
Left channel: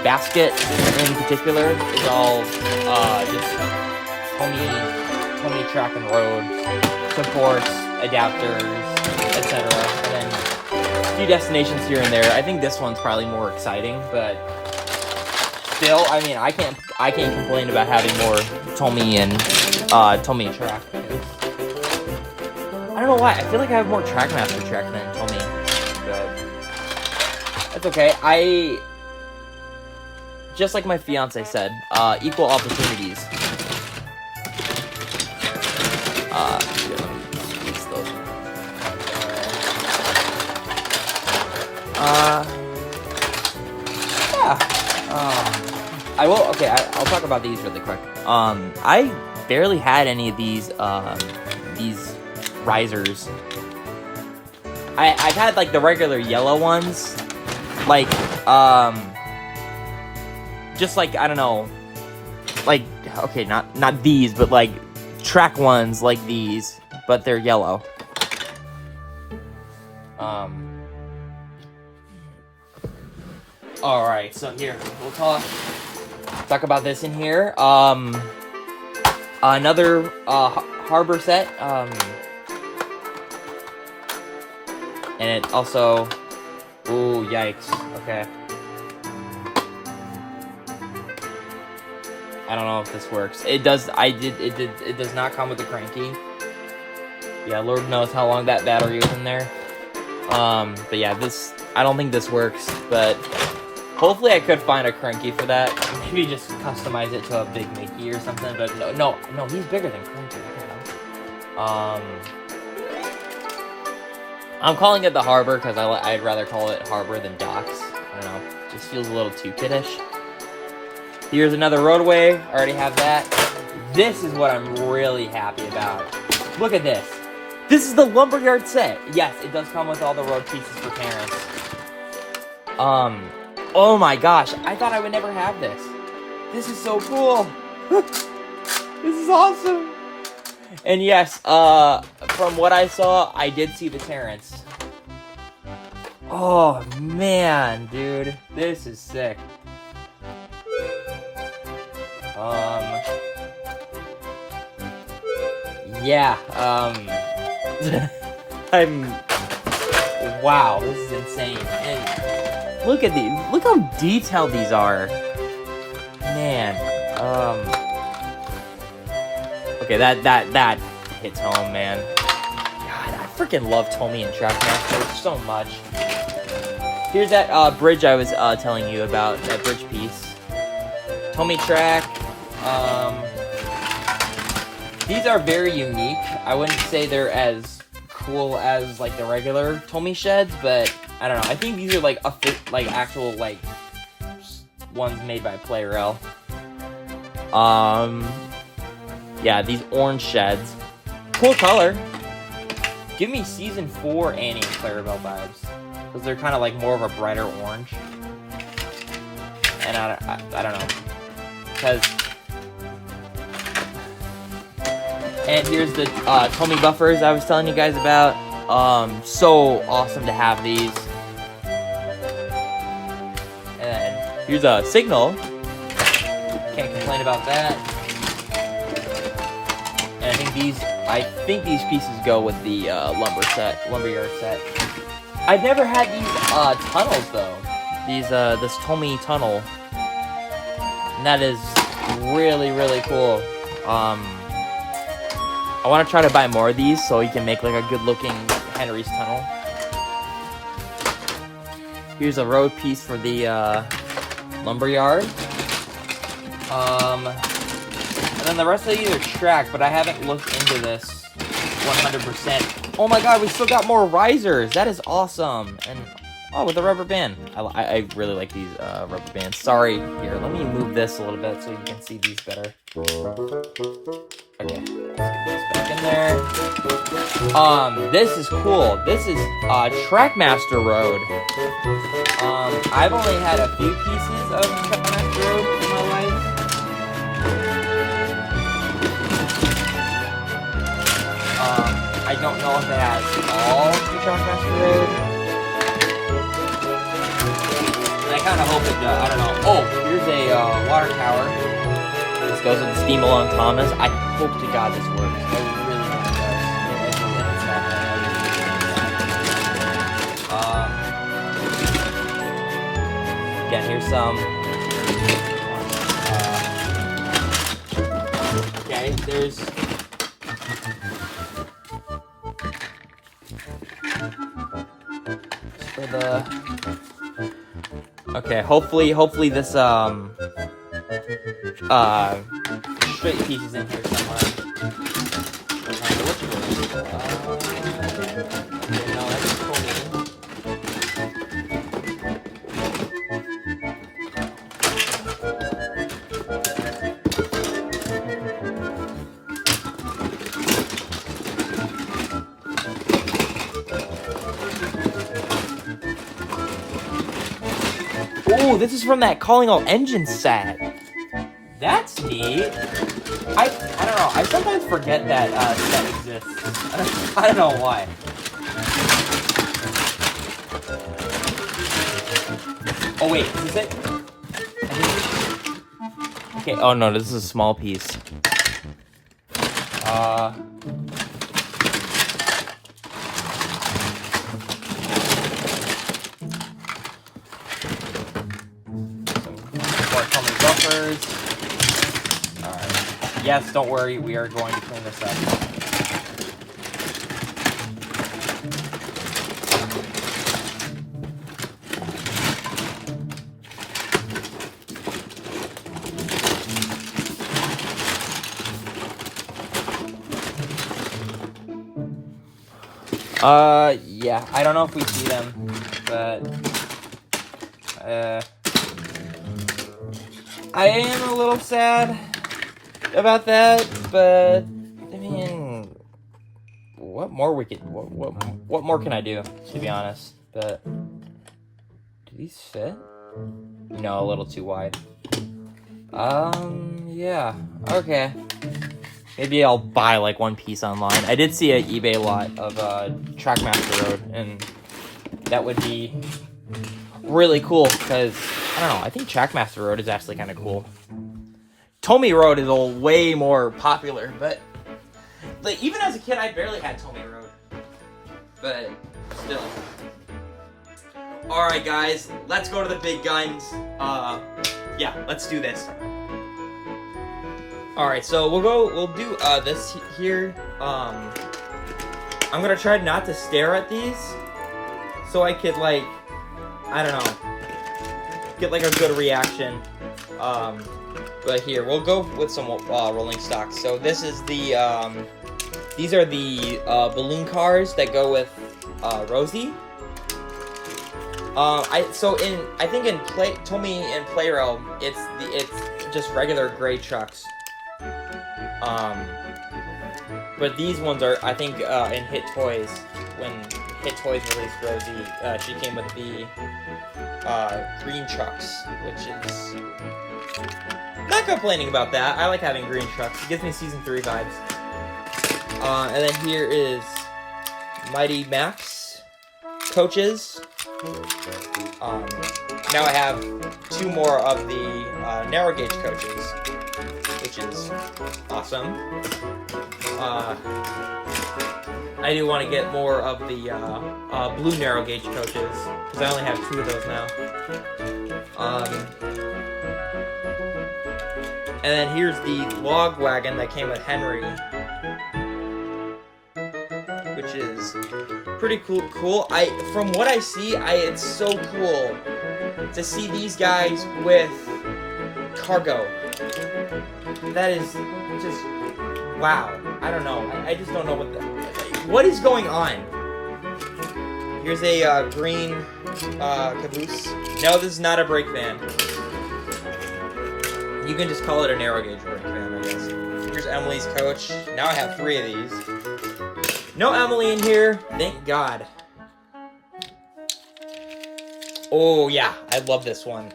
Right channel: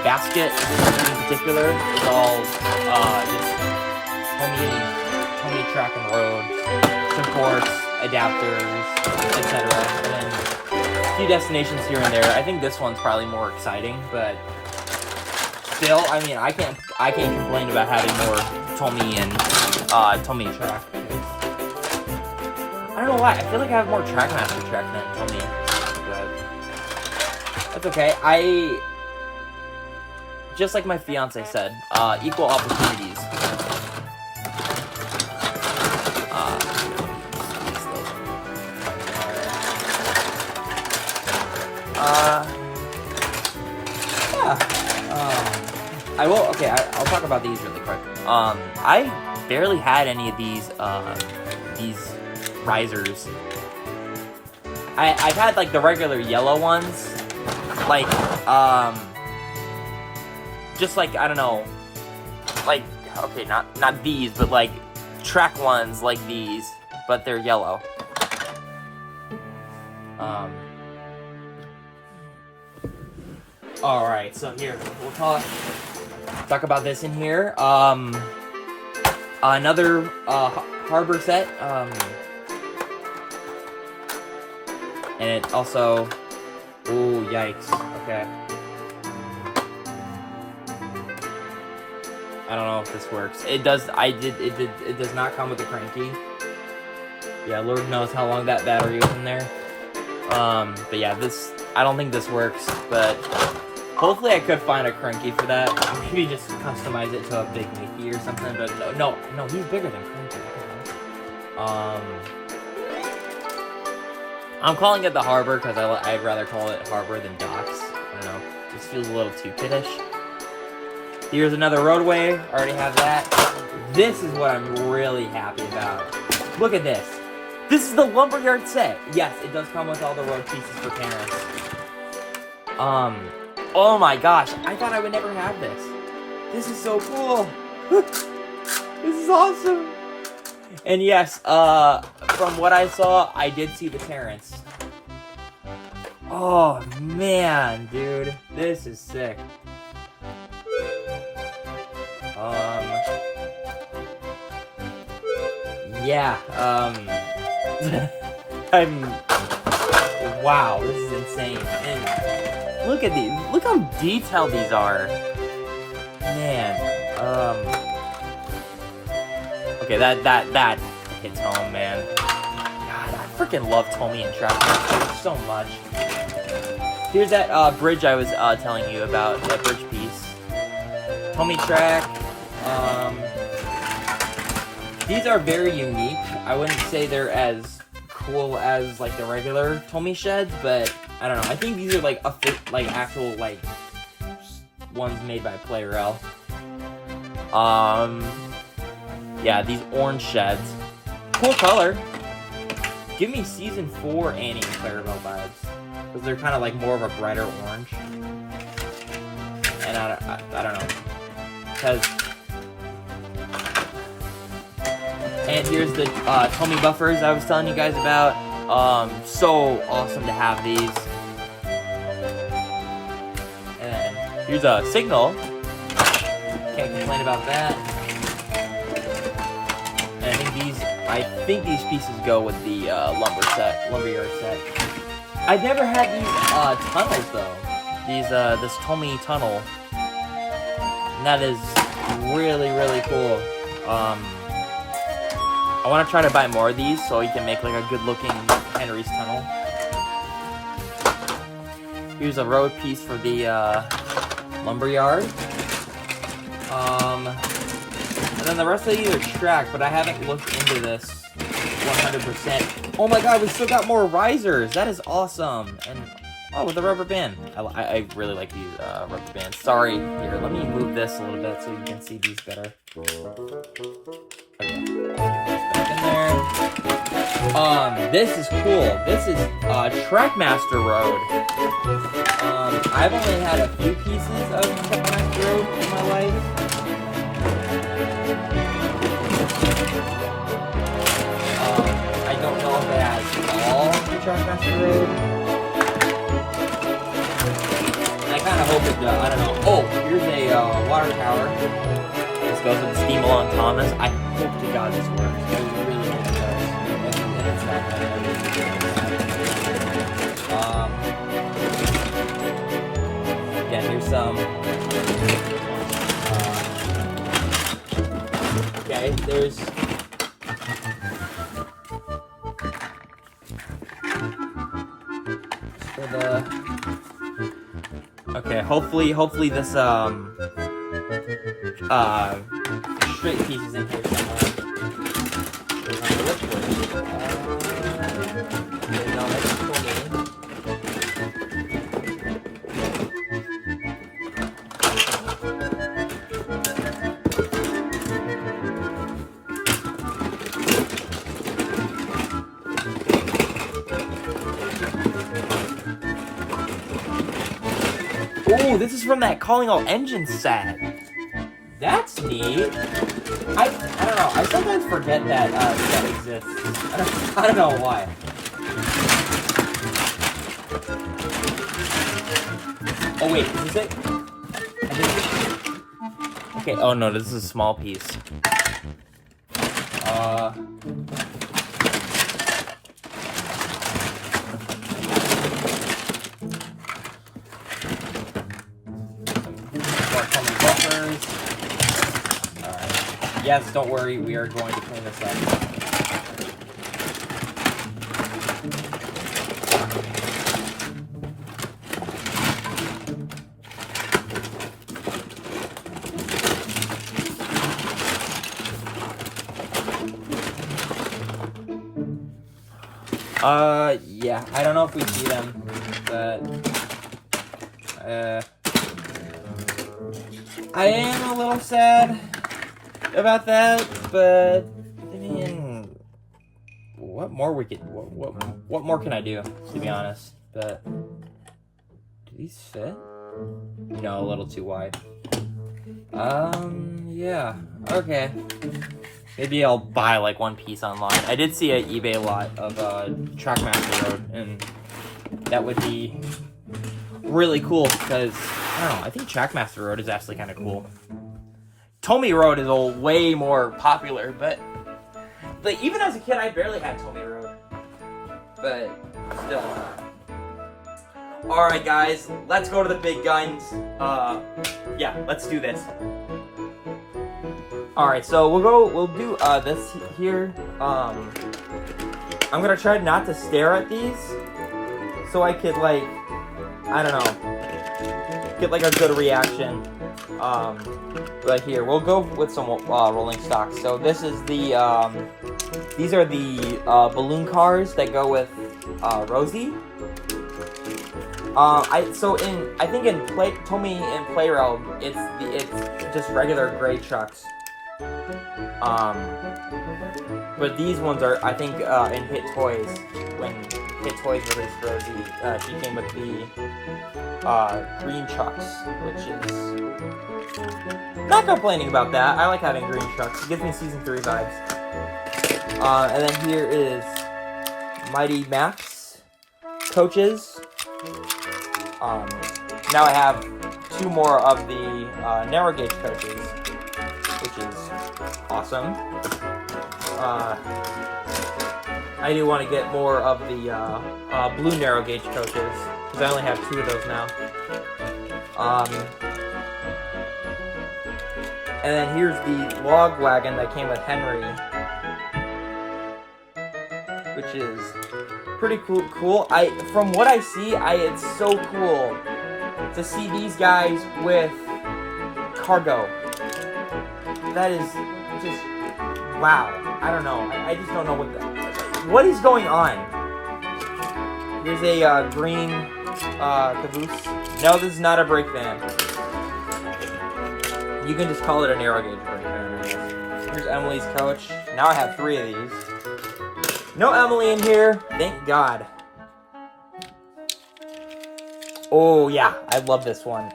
basket in particular is all Tommy track and road supports, adapters, etc. And then a few destinations here and there. I think this one's probably more exciting, but still, I mean, I can't complain about having more Tommy and Tommy track. I don't know why. I feel like I have more Trackmaster track than Tommy, but that's okay. Just like my fiance said, equal opportunities. I'll talk about these really quick. I barely had any of these risers. I've had like the regular yellow ones, like just like, I don't know, like, okay, not these, but like track ones like these, but they're yellow. Alright, so here, we'll talk about this in here. Another harbor set, and it also, ooh, yikes, okay. I don't know if this works. It does not come with a cranky. Yeah, Lord knows how long that battery was in there. But yeah, I don't think this works, but hopefully I could find a cranky for that. Maybe just customize it to a big Mickey or something, but no, he's bigger than cranky. I'm calling it the Harbor because I'd rather call it Harbor than Docks. I don't know. Just feels a little too kiddish. Here's another roadway. I already have that. This is what I'm really happy about. Look at this. This is the Lumberyard set. Yes, it does come with all the road pieces for parents. Oh my gosh. I thought I would never have this. This is so cool. This is awesome. And yes, from what I saw, I did see the Terrence. Oh man, dude. This is sick. Yeah, wow, this is insane. And look at these, look how detailed these are. Man, okay, that hits home, man. God, I freaking love Tommy and Trackmaster so much. Here's that, bridge I was, telling you about, that bridge piece. Tommy Track, these are very unique. I wouldn't say they're as cool as like the regular Tommy sheds, but I don't know. I think these are like actual like ones made by Playrel. Yeah, these orange sheds. Cool color. Give me season 4 Annie and Clarabelle vibes, because they're kind of like more of a brighter orange. And I don't know, because. And here's the Tommy buffers I was telling you guys about. So awesome to have these. And here's a signal. Can't complain about that. And I think these pieces go with the lumberyard set. I've never had these tunnels though. This Tommy tunnel. And that is really, really cool. I want to try to buy more of these so he can make like a good looking Henry's tunnel. Here's a road piece for the lumberyard. And then the rest of these are track, but I haven't looked into this 100%. Oh my god, we still got more risers! That is awesome! And oh, with a rubber band. I really like these rubber bands. Sorry, here, let me move this a little bit so you can see these better. Okay. Back in there. This is cool. This is Trackmaster Road. I've only had a few pieces of Trackmaster Road in my life. I don't know if it has all the Trackmaster Road. And I kind of hope it does. I don't know. Oh, here's a water tower. This goes with Steamel on Thomas. I hope to God this works. I really hope it does. Again, here's some. Okay, there's. For the. Okay, hopefully this straight pieces in here somewhere. No, that's for me. Oh, this is from that Calling All Engines set. That's neat. I don't know. I sometimes forget that set exists. I don't know why. Oh wait, is this it? Okay. Oh no, this is a small piece. Yes, don't worry, we are going to clean this up. Yeah, I don't know if we see them, but, I am a little sad about that, but, I mean, what more we could, what more can I do, to be honest, but, do these fit? No, a little too wide. Yeah, okay. Maybe I'll buy like one piece online. I did see an eBay lot of Trackmaster Road, and that would be really cool because I don't know. I think Trackmaster Road is actually kind of cool. Tomy Road is a way more popular, but like even as a kid, I barely had Tomy Road. But still. All right, guys, let's go to the big guns. Yeah, let's do this. All right, so we'll do this here. I'm gonna try not to stare at these, so I could like, I don't know, get like a good reaction. But here we'll go with some rolling stocks. So this is the these are the balloon cars that go with Rosie. I think in Tomy in Playrealm, it's just regular gray trucks. But these ones are, I think, in Hit Toys, when Hit Toys released Rosie, she came with the green trucks, which is not complaining about that. I like having green trucks. It gives me Season 3 vibes. And then here is Mighty Max coaches. Now I have 2 more of the narrow gauge coaches, which is awesome. I do want to get more of the blue narrow gauge coaches, because I only have 2 of those now. And then here's the log wagon that came with Henry, which is pretty cool. From what I see, it's so cool to see these guys with cargo. That is just wow. I don't know. I just don't know what is going on. Here's a green caboose. No, this is not a brake van. You can just call it a narrow gauge brake van, I guess. Here's Emily's coach. Now I have 3 of these. No Emily in here. Thank God. Oh yeah, I love this one.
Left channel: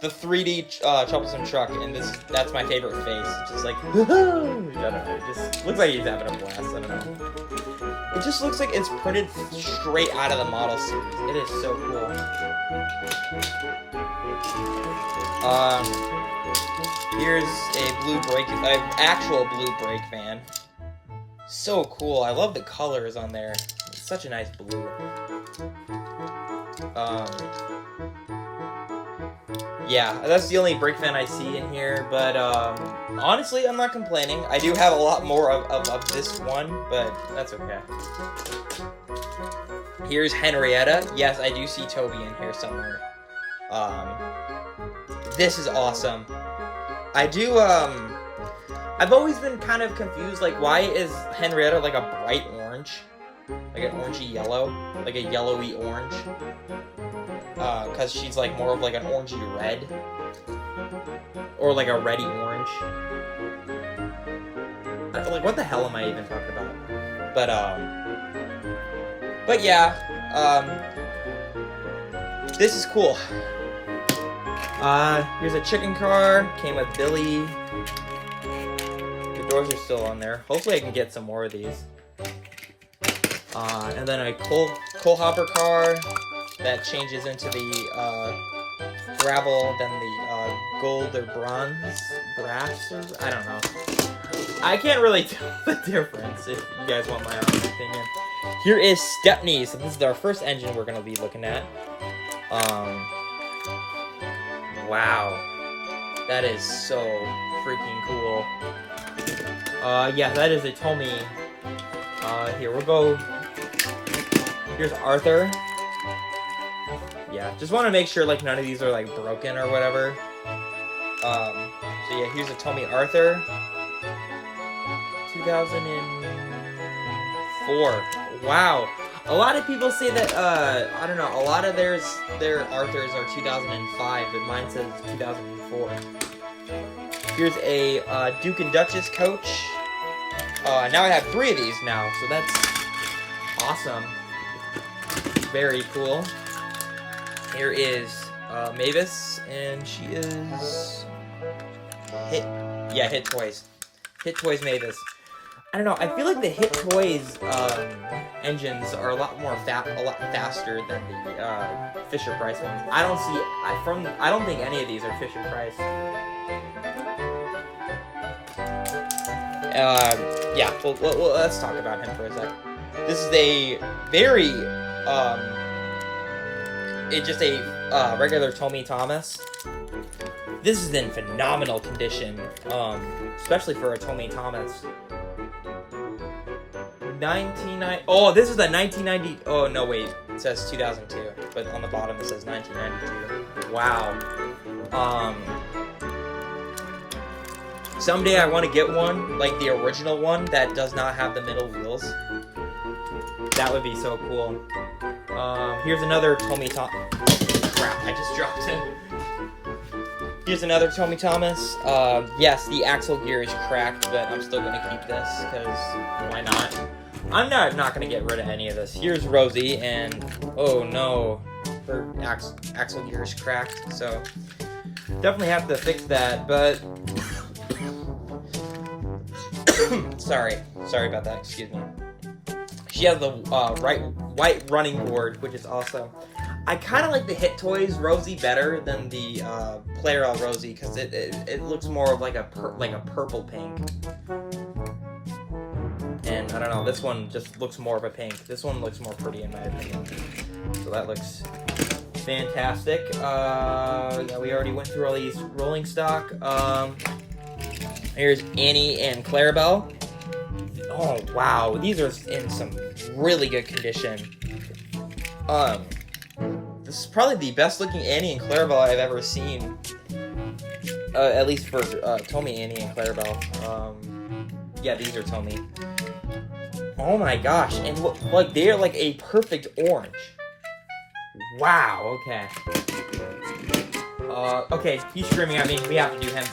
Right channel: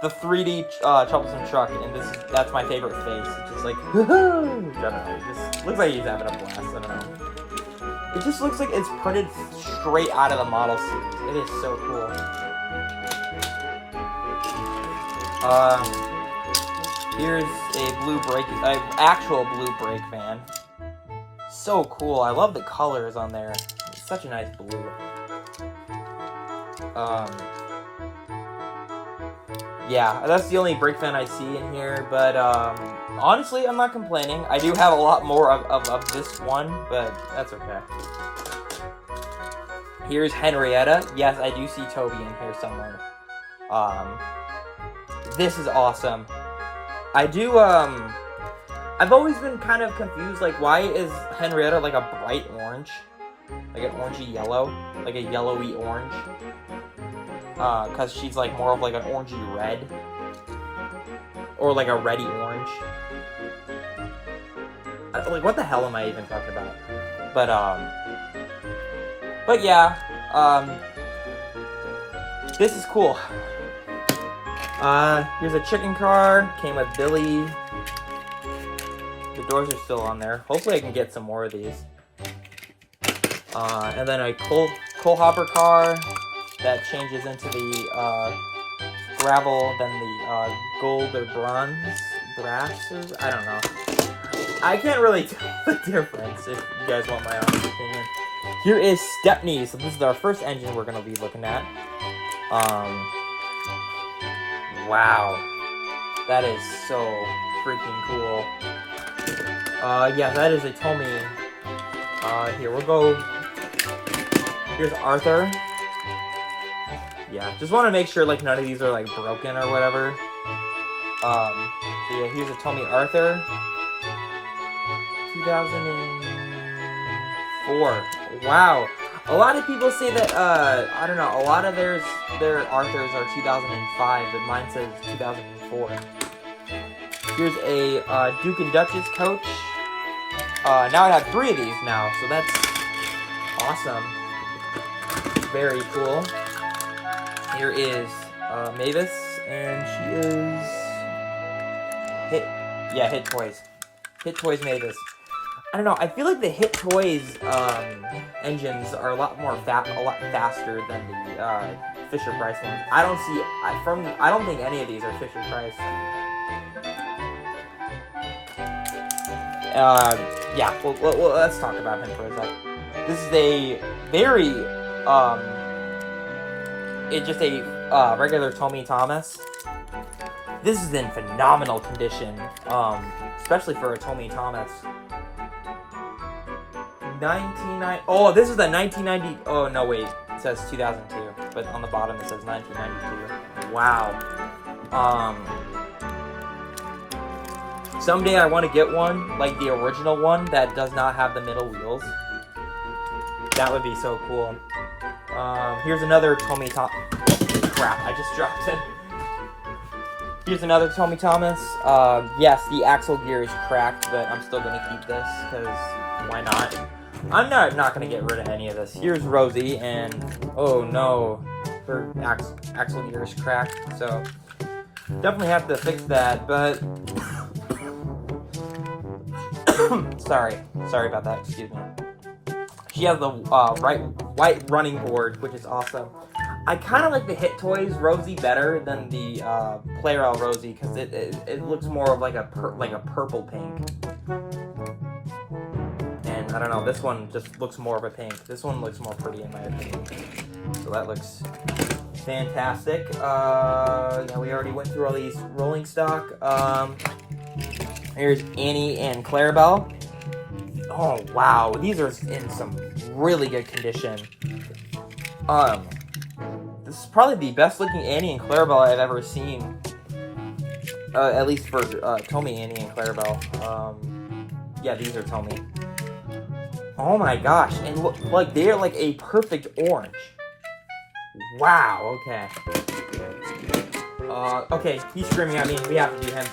The 3D troublesome truck, and that's my favorite face. It's just like, I don't know, it just looks like he's having a blast. I don't know. It just looks like it's printed straight out of the model series. It is so cool. Here's an actual blue brake van. So cool. I love the colors on there. It's such a nice blue. Yeah, that's the only brake fan I see in here, but honestly, I'm not complaining. I do have a lot more of this one, but that's okay. Here's Henrietta. Yes, I do see Toby in here somewhere. This is awesome. I've always been kind of confused, like, why is Henrietta like a bright orange? Like an orangey yellow? Like a yellowy orange? Because she's like more of like an orangey red. Or like a reddy orange. Like, what the hell am I even talking about? But yeah, this is cool. Here's a chicken car, came with Billy. The doors are still on there. Hopefully I can get some more of these. And then a coal hopper car that changes into the gravel, then the gold or brass, I don't know. I can't really tell the difference if you guys want my honest opinion. Here is Stepney, so this is our first engine we're going to be looking at. Wow. That is so freaking cool. Yeah, that is a Tomy. Here, we'll go. Here's Arthur. Yeah, just want to make sure like none of these are like broken or whatever. So yeah, here's a Tomy Arthur. Wow. A lot of people say that, I don't know, a lot of their Arthurs are 2005, but mine says 2004. Here's a Duke and Duchess coach. Now I have 3 of these now, so that's awesome. Very cool. Here is Mavis, and she is Hit Toys. Hit Toys Mavis. I don't know. I feel like the Hit Toys engines are a lot faster than the Fisher Price ones. I don't think any of these are Fisher Price. Yeah. Well, let's talk about him for a sec. This is a very it's just a regular Tommy Thomas. This is in phenomenal condition, especially for a Tommy Thomas. Oh, this is a 1990. Oh no, wait, it says 2002, but on the bottom it says 1992. Wow. Someday I want to get one like the original one that does not have the middle wheels. That would be so cool. Here's another Tommy Thomas. Crap, I just dropped it. Here's another Tommy Thomas. Yes, the axle gear is cracked, but I'm still gonna keep this because why not? I'm not gonna get rid of any of this. Here's Rosie, and oh no, her axle gear is cracked, so definitely have to fix that. But sorry about that. Excuse me. She has the white running board, which is awesome. I kind of like the Hit Toys Rosie better than the Player L Rosie because it looks more of like a purple pink. And I don't know, this one just looks more of a pink. This one looks more pretty in my opinion. So that looks fantastic. Yeah, we already went through all these rolling stock. Here's Annie and Clarabelle. Oh wow, these are in some really good condition. This is probably the best looking Annie and Clarabelle I've ever seen. At least for Tommy, Annie, and Clarabelle. Yeah, these are Tommy. Oh my gosh, and look, like they're like a perfect orange. Wow. Okay. Okay, he's screaming at me. We have to do him.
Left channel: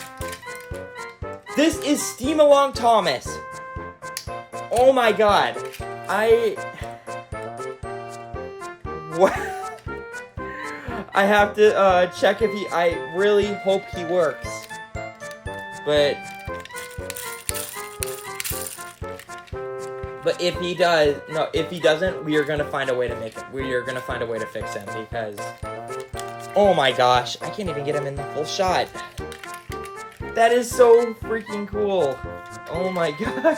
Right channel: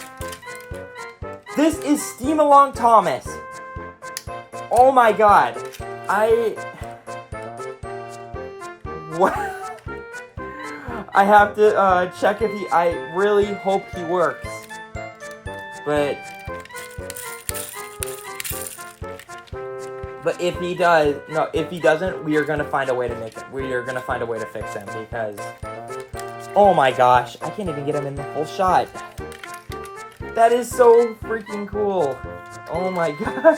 This is Steam-Along Thomas. Oh my god. What? I have to check if I really hope he works. But if he doesn't, we are gonna find a way to make it. We are gonna find a way to fix him because, oh my gosh, I can't even get him in the full shot. That is so freaking cool. Oh my gosh.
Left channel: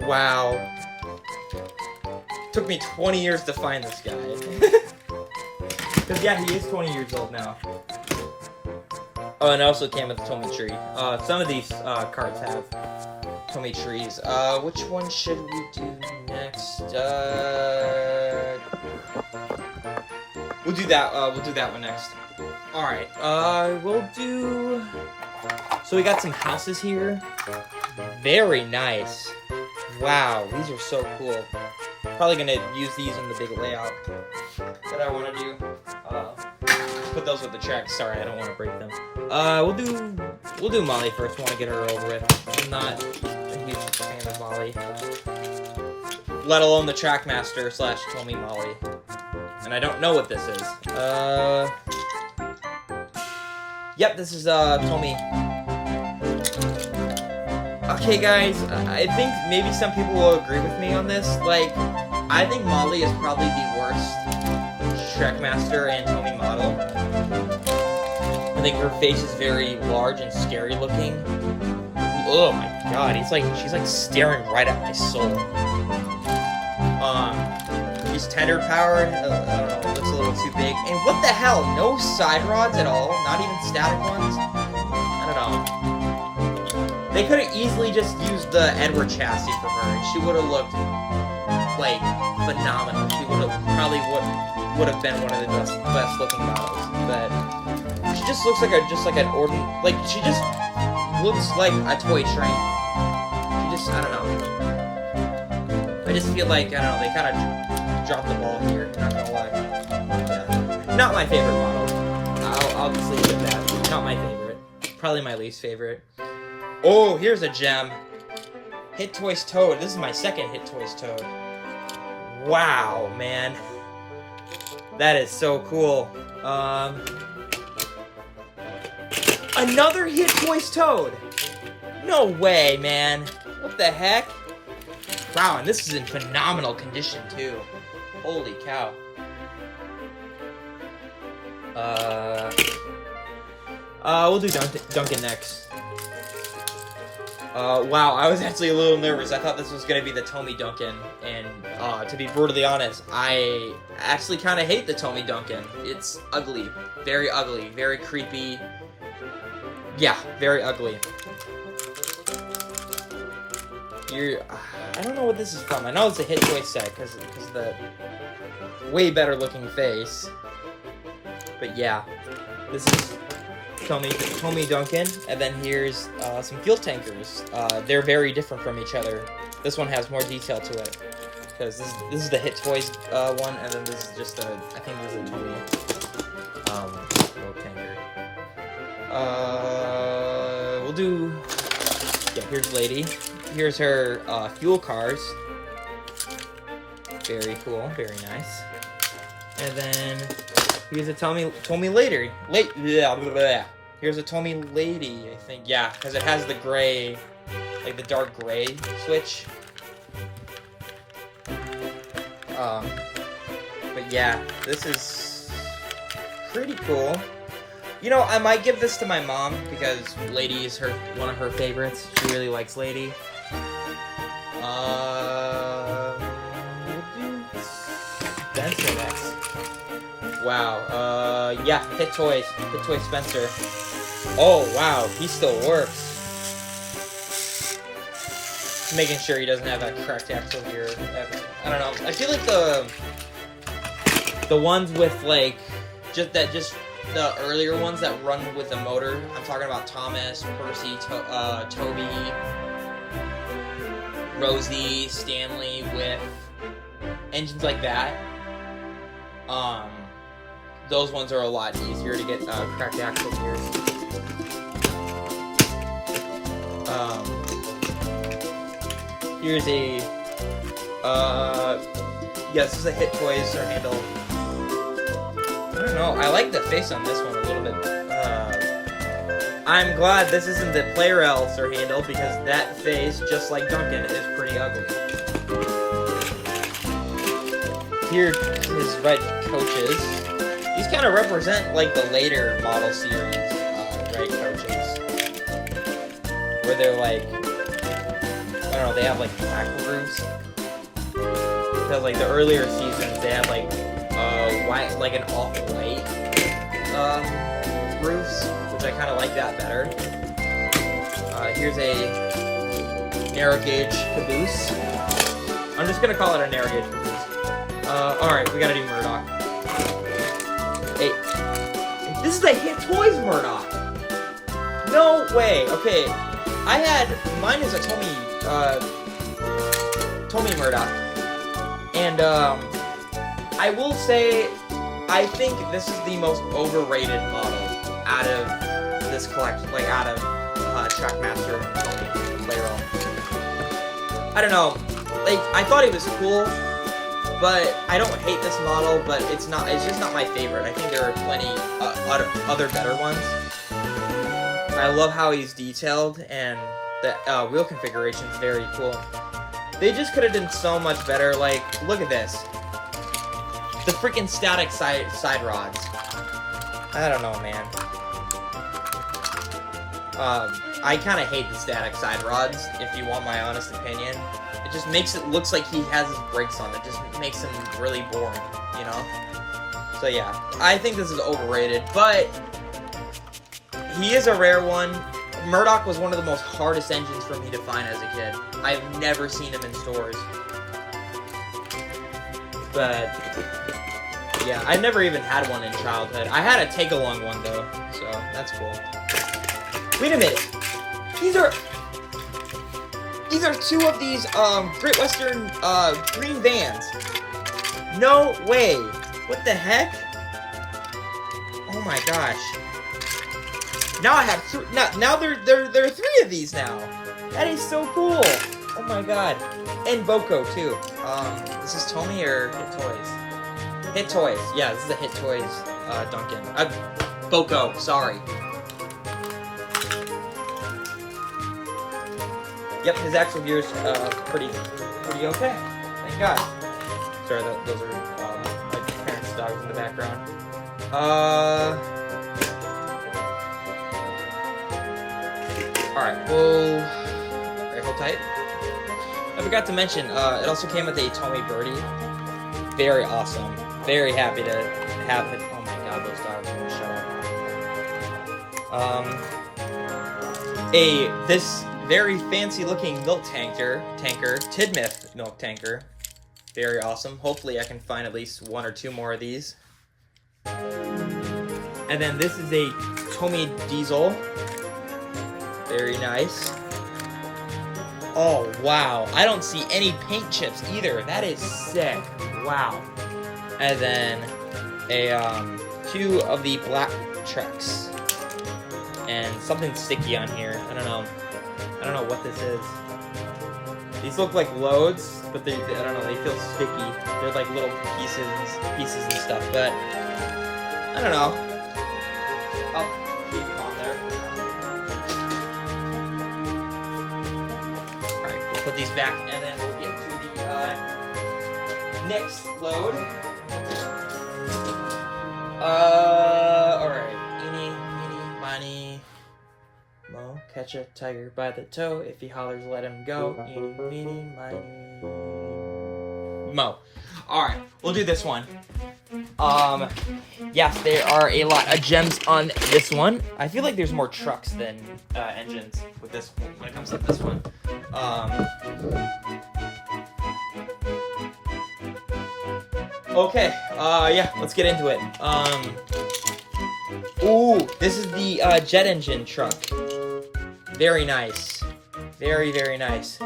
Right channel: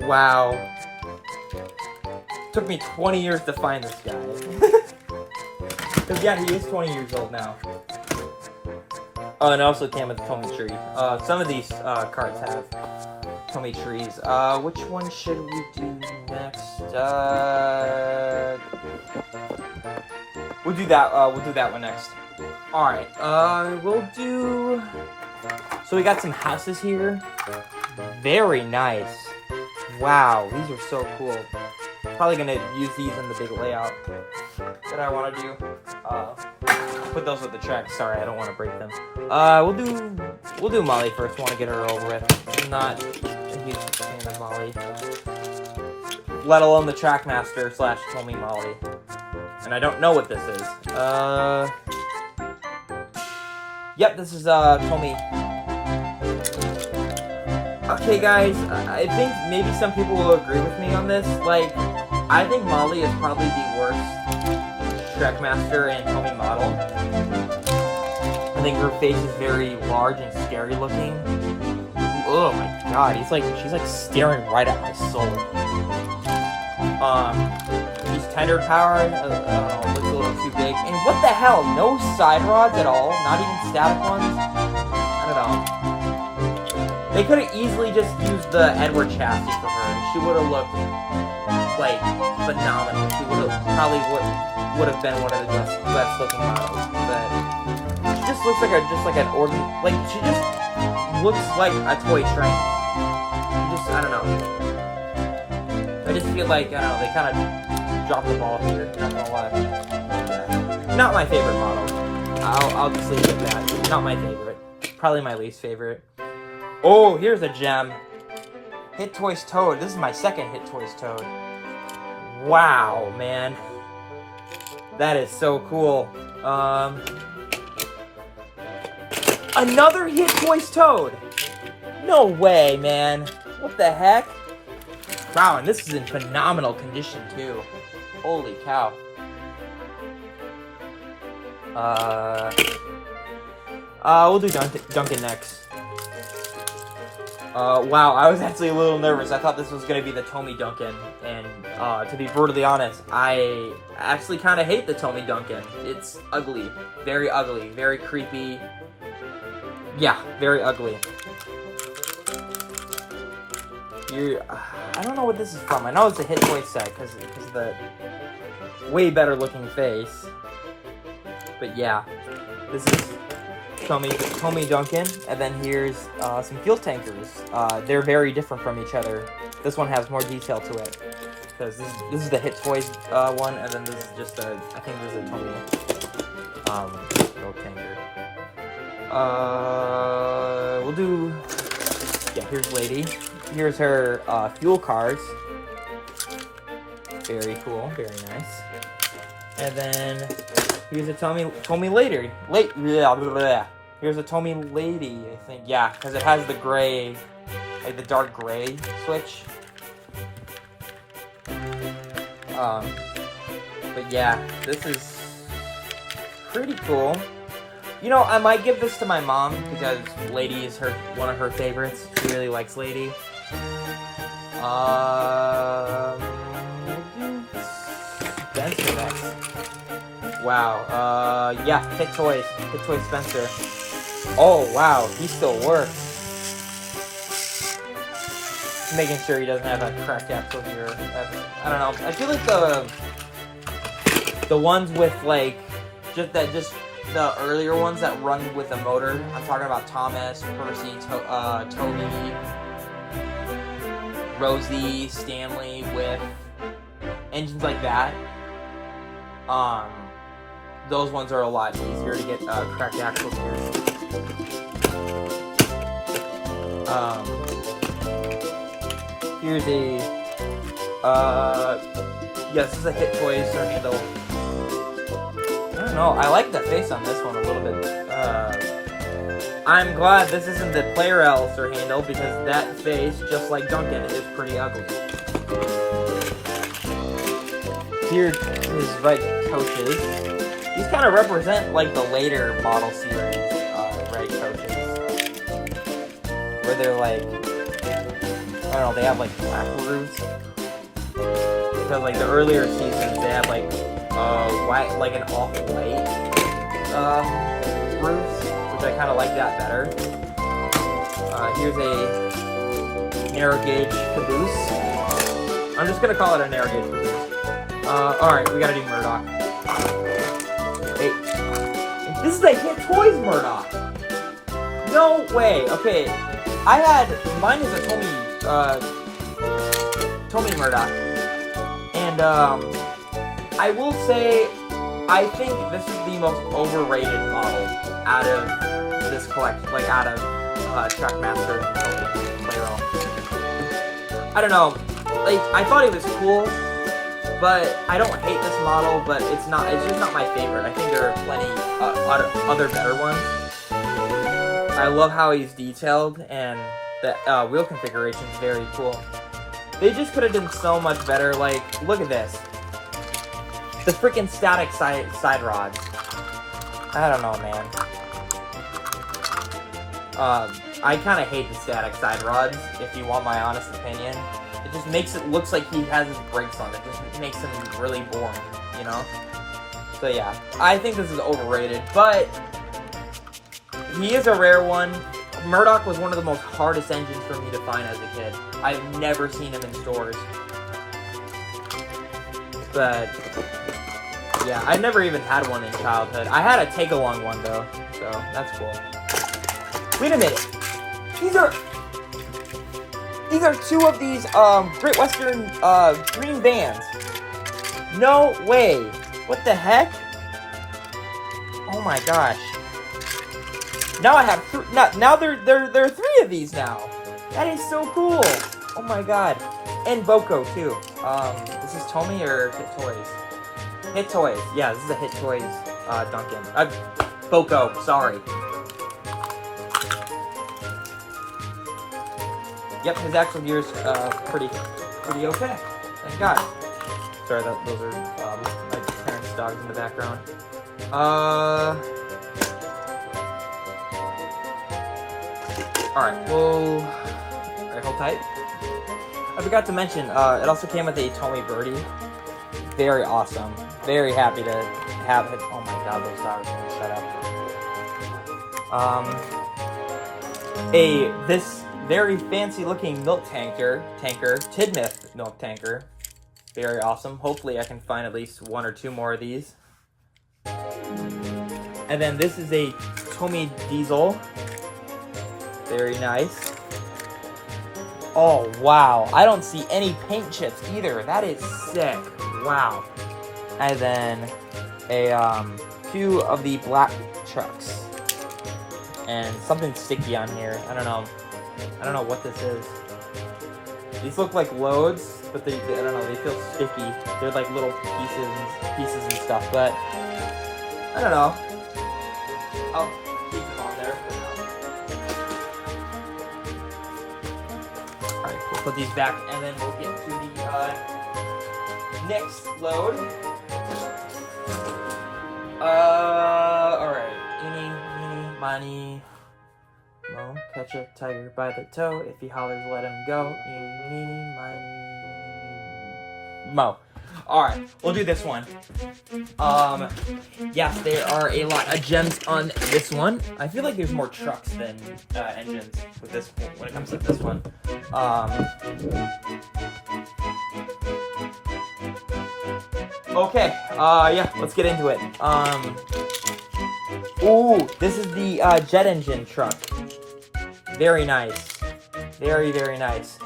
Wow. Took me 20 years to find this guy. Because yeah, he is 20 years old now. Oh, and it also came with a Tommy tree. Some of these cards have Tommy trees. Which one should we do next? We'll do that. We'll do that one next. All right. We'll do. So we got some houses here. Very nice. Wow, these are so cool. Probably gonna use these in the big layout that I want to do. Put those with the tracks. Sorry, I don't want to break them. We'll do Molly first. Want to get her over with. I'm not a huge fan of Molly, let alone the Trackmaster / Tommy Molly. And I don't know what this is. Yep, this is Tommy. Okay, guys, I think maybe some people will agree with me on this. Like, I think Molly is probably the worst Trackmaster and Tommy model. I think her face is very large and scary looking. Oh my god, she's like staring right at my soul. He's tethered power, I don't know, looks a little too big. And what the hell, no side rods at all? Not even static ones? I don't know. They could have easily just used the Edward chassis for her, and she would have looked like phenomenal. She would have been one of the best looking models. But she just looks like an ordinary, like she just looks like a toy train. She just, I don't know. just feel like, I don't know, they kind of dropped the ball here. Not gonna lie. Yeah. Not my favorite model. I'll just leave it at that. Not my favorite. Probably my least favorite. Oh, here's a gem. Hit Toys Toad. This is my second Hit Toys Toad. Wow, man. That is so cool. Another Hit Toys Toad. No way, man. What the heck? Wow, and this is in phenomenal condition, too. Holy cow. We'll do Duncan next. Wow, I was actually a little nervous. I thought this was gonna be the Tommy Duncan, and to be brutally honest, I actually kind of hate the Tommy Duncan. It's ugly, very creepy. Yeah, very ugly. I don't know what this is from. I know it's a Hit Toy set because of the way better looking face. But yeah, this is Tommy Duncan, and then here's some fuel tankers. They're very different from each other. This one has more detail to it because this is the Hit Toys one, and then this is just I think this is a Tommy fuel tanker. We'll do. Yeah, here's Lady. Here's her fuel cars. Very cool, very nice. And then here's a Tommy Lady. Here's a Tommy Lady, I think. Yeah, because it has the gray, like the dark gray switch. But yeah, this is pretty cool. You know, I might give this to my mom because Lady is one of her favorites. She really likes Lady. Spencer next. Wow. Yeah, Hit Toys Spencer. Oh wow, he still works. Just making sure he doesn't have that cracked axle here. I don't know. I feel like the ones with like just the earlier ones that run with a motor. I'm talking about Thomas, Percy, Toby, Rosie, Stanley with engines like that. Those ones are a lot easier to get cracked axles here. Here's a yes, this is a Hit Toys handle. I don't know, I like the face on this one a little bit. I'm glad this isn't the Player Alistair handle because that face, just like Duncan, is pretty ugly. Here's his red coaches. These kind of represent like the later model series red coaches, where they're like, I don't know, they have like black roofs. Because like the earlier seasons, they had like white, like an off-white roofs, which I kind of like that better. Here's a narrow gauge caboose. I'm just gonna call it a narrow gauge caboose. Alright, we gotta do Murdoch. Hey, this is a Hit Toys Murdoch! No way! Okay, mine is a Tommy Murdoch. And, I will say, I think this is the most overrated model out of this collection, like out of Trackmaster and Playroom. I don't know, like, I thought it was cool, but I don't hate this model, but it's just not my favorite. I think there are plenty other better ones. I love how he's detailed, and the wheel configuration is very cool. They just could have done so much better. Like, look at this. The freaking static side rods. I don't know, man. I kind of hate the static side rods, if you want my honest opinion. It just makes it looks like he has his brakes on. It just makes him really boring, you know? So yeah, I think this is overrated, but he is a rare one. Murdoch was one of the most hardest engines for me to find as a kid. I've never seen him in stores. But yeah, I never even had one in childhood. I had a take-along one though, so that's cool. Wait a minute. These are... These are 2 of these Great Western green vans. No way. What the heck? Oh my gosh. Now I have 3. Now there are 3 of these now. That is so cool. Oh my god. And Boko too. This is Tomy or Hit Toys? Hit Toys. Yeah, this is a Hit Toys Duncan. Boko, sorry. Yep, his actual gear's pretty okay. Thank God. Sorry, those are my parents' dogs in the background. Alright, alright, hold tight. I forgot to mention, it also came with a Tomy Birdie. Very awesome. Very happy to have it. Oh my god, those dogs are gonna shut up. This very fancy looking milk tanker, Tidmouth milk tanker. Very awesome. Hopefully I can find at least 1 or 2 more of these. And then this is a Tomy Diesel. Very nice. Oh, wow. I don't see any paint chips either. That is sick. Wow. And then a 2 of the black trucks. And something sticky on here. I don't know what this is. These look like loads, but I don't know, they feel sticky. They're like little pieces and stuff, but I don't know. Oh, keep it on there. Alright, we'll put these back and then we'll get to the next load. Alright. Eeny, meeny, miny. Mo, catch a tiger by the toe. If he hollers, let him go. Eeny, meeny, miny. Mo. Alright, we'll do this one. Yes, there are a lot of gems on this one. I feel like there's more trucks than engines with this when it comes to this one. Okay, yeah, let's get into it. Ooh, this is the jet engine truck. Very nice. Very, very nice.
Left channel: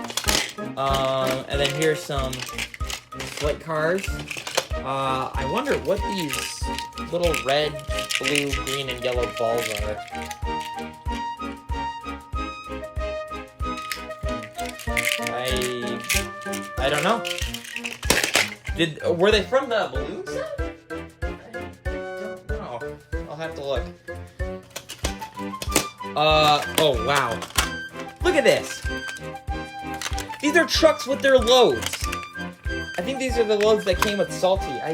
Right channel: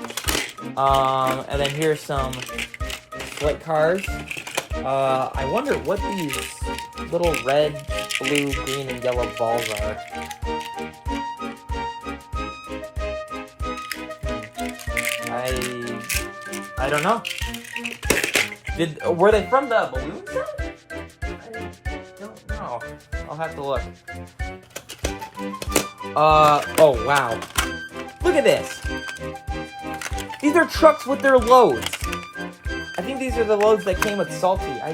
And then here's some flight cars. I wonder what these little red, blue, green, and yellow balls are. I don't know. Were they from the balloon set? I don't know. I'll have to look. Oh wow. Look at this. These are trucks with their loads. I think these are the loads that came with Salty. I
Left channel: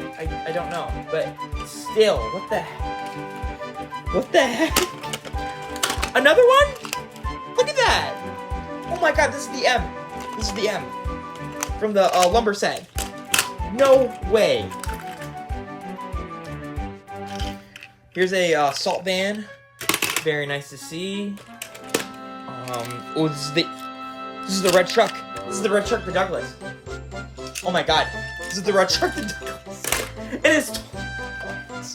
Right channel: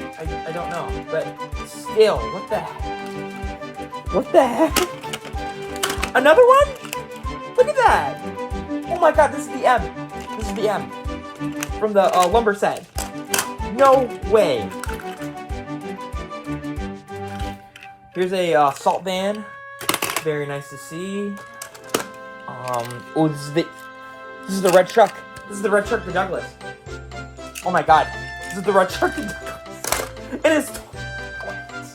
don't know, but still, what the heck? What the heck? Another one? Look at that! Oh my god, this is the M. This is the M from the lumber set. No way. Here's a salt van. Very nice to see. Oh, this is the red truck. This is the red truck for Douglas. Oh my god, this is the red truck for Douglas. It is. What's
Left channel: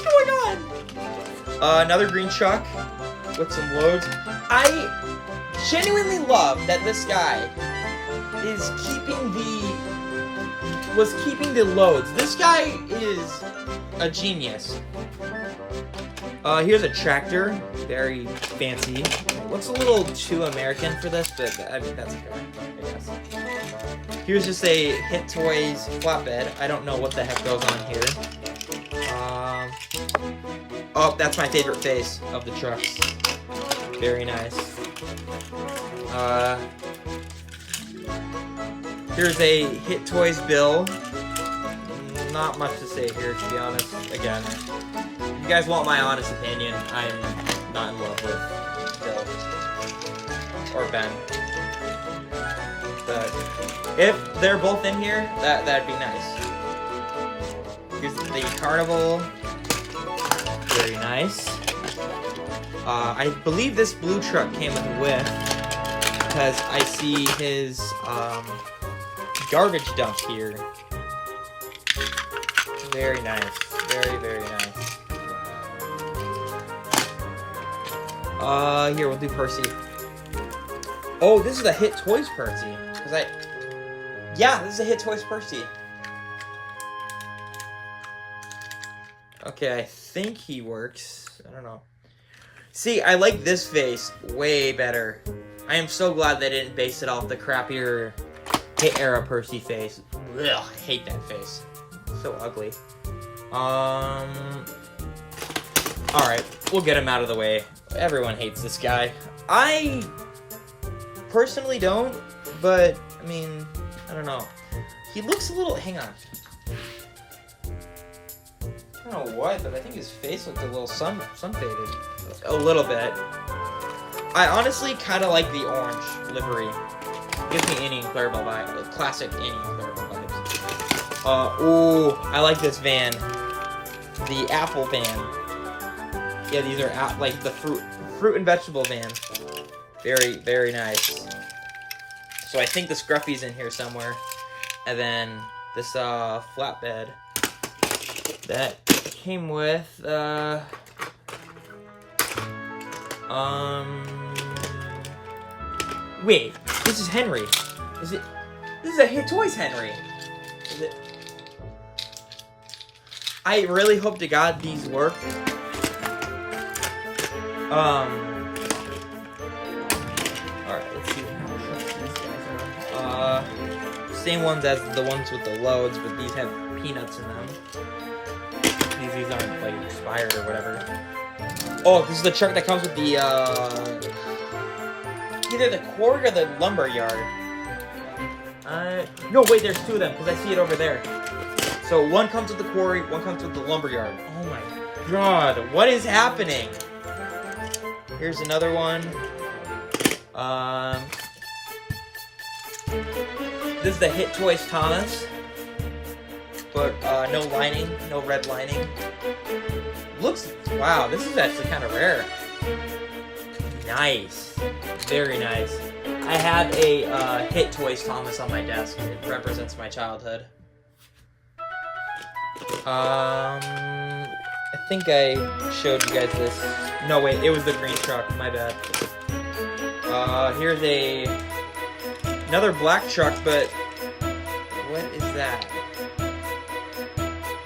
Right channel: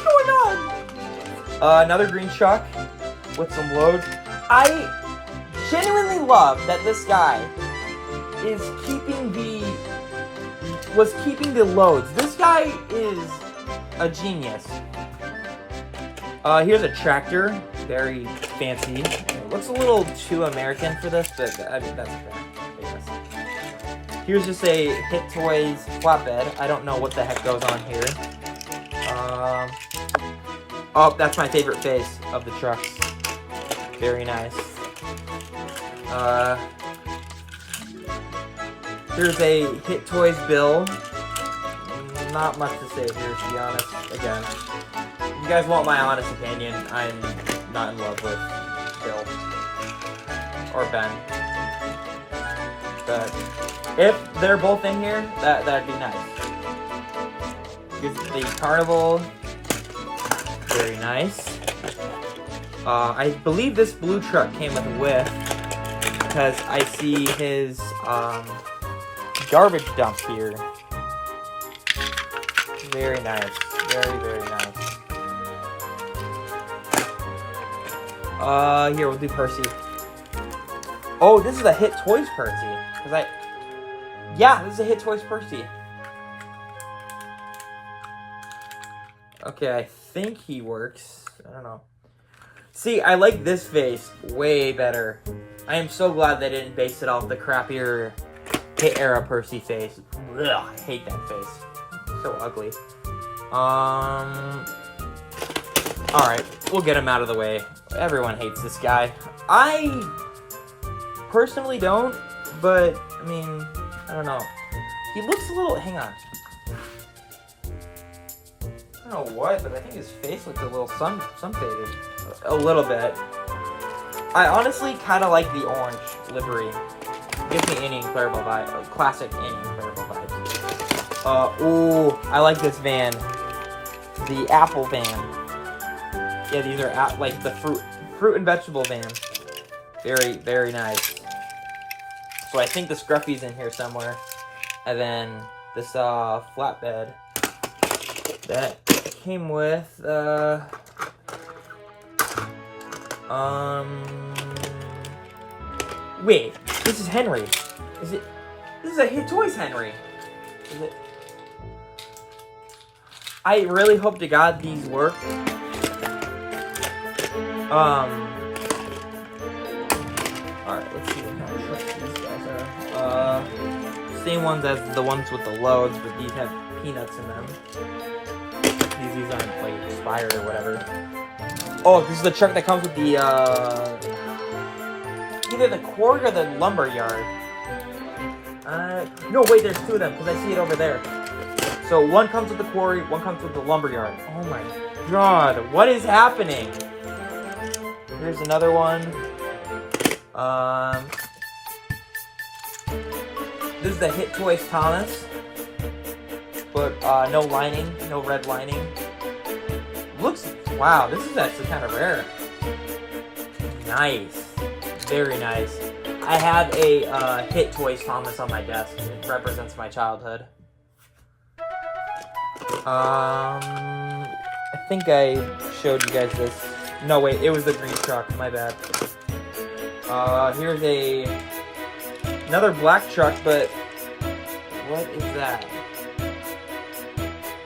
going on? Another green truck with some loads. I genuinely love that this guy is keeping the loads. This guy is a genius. Here's a tractor, very fancy. It looks a little too American for this, but I mean that's okay, I guess. Here's just a Hit Toys flatbed. I don't know what the heck goes on here. Oh, that's my favorite face of the trucks. Very nice. Here's a Hit Toys bill. Not much to say here, to be honest. Again, if you guys want my honest opinion, I'm not in love with Bill or Ben. But if they're both in here, that'd be nice. Here's the Carnival. Very nice. I believe this blue truck came with a whiff because I see his garbage dump here. Very nice. Very, very nice. Here, we'll do Percy. Oh, this is a Hit Toys Percy. Yeah, this is a Hit Toys Percy. Okay, I think he works. I don't know. See, I like this face way better. I am so glad they didn't base it off the crappier Hit era Percy face. Ugh, I hate that face. It's so ugly. Alright, we'll get him out of the way. Everyone hates this guy. I personally don't, but, I mean, I don't know. He looks a little... Hang on. I don't know what, but I think his face looks a little sun-faded. A little bit. I honestly kind of like the orange livery. Gives me Annie and Clarabelle vibes. Classic Annie and Clarabelle vibes. Ooh, I like this van. The apple van. Yeah, these are like the fruit and vegetable van. Very, very nice. So I think the Scruffy's in here somewhere. And then this flatbed that came with wait, this is Henry. Is it? This is a Hit Toys Henry. Is it? I really hope to God these work. Alright, let's see how much these guys are. Same ones as the ones with the loads, but these have peanuts in them. These aren't, like, expired or whatever. Oh, this is the truck that comes with the, either the quarry or the lumber yard. No, wait, there's two of them, because I see it over there. So, one comes with the quarry, one comes with the lumber yard. Oh my god, what is happening? Here's another one. This is the Hit Toys Thomas. But, no lining, no red lining. Wow, this is actually kind of rare. Nice. Very nice. I have a, Hit Toys Thomas on my desk. It represents my childhood. I think I showed you guys this. No, wait, it was the green truck, my bad. Here's another black truck, but what is that?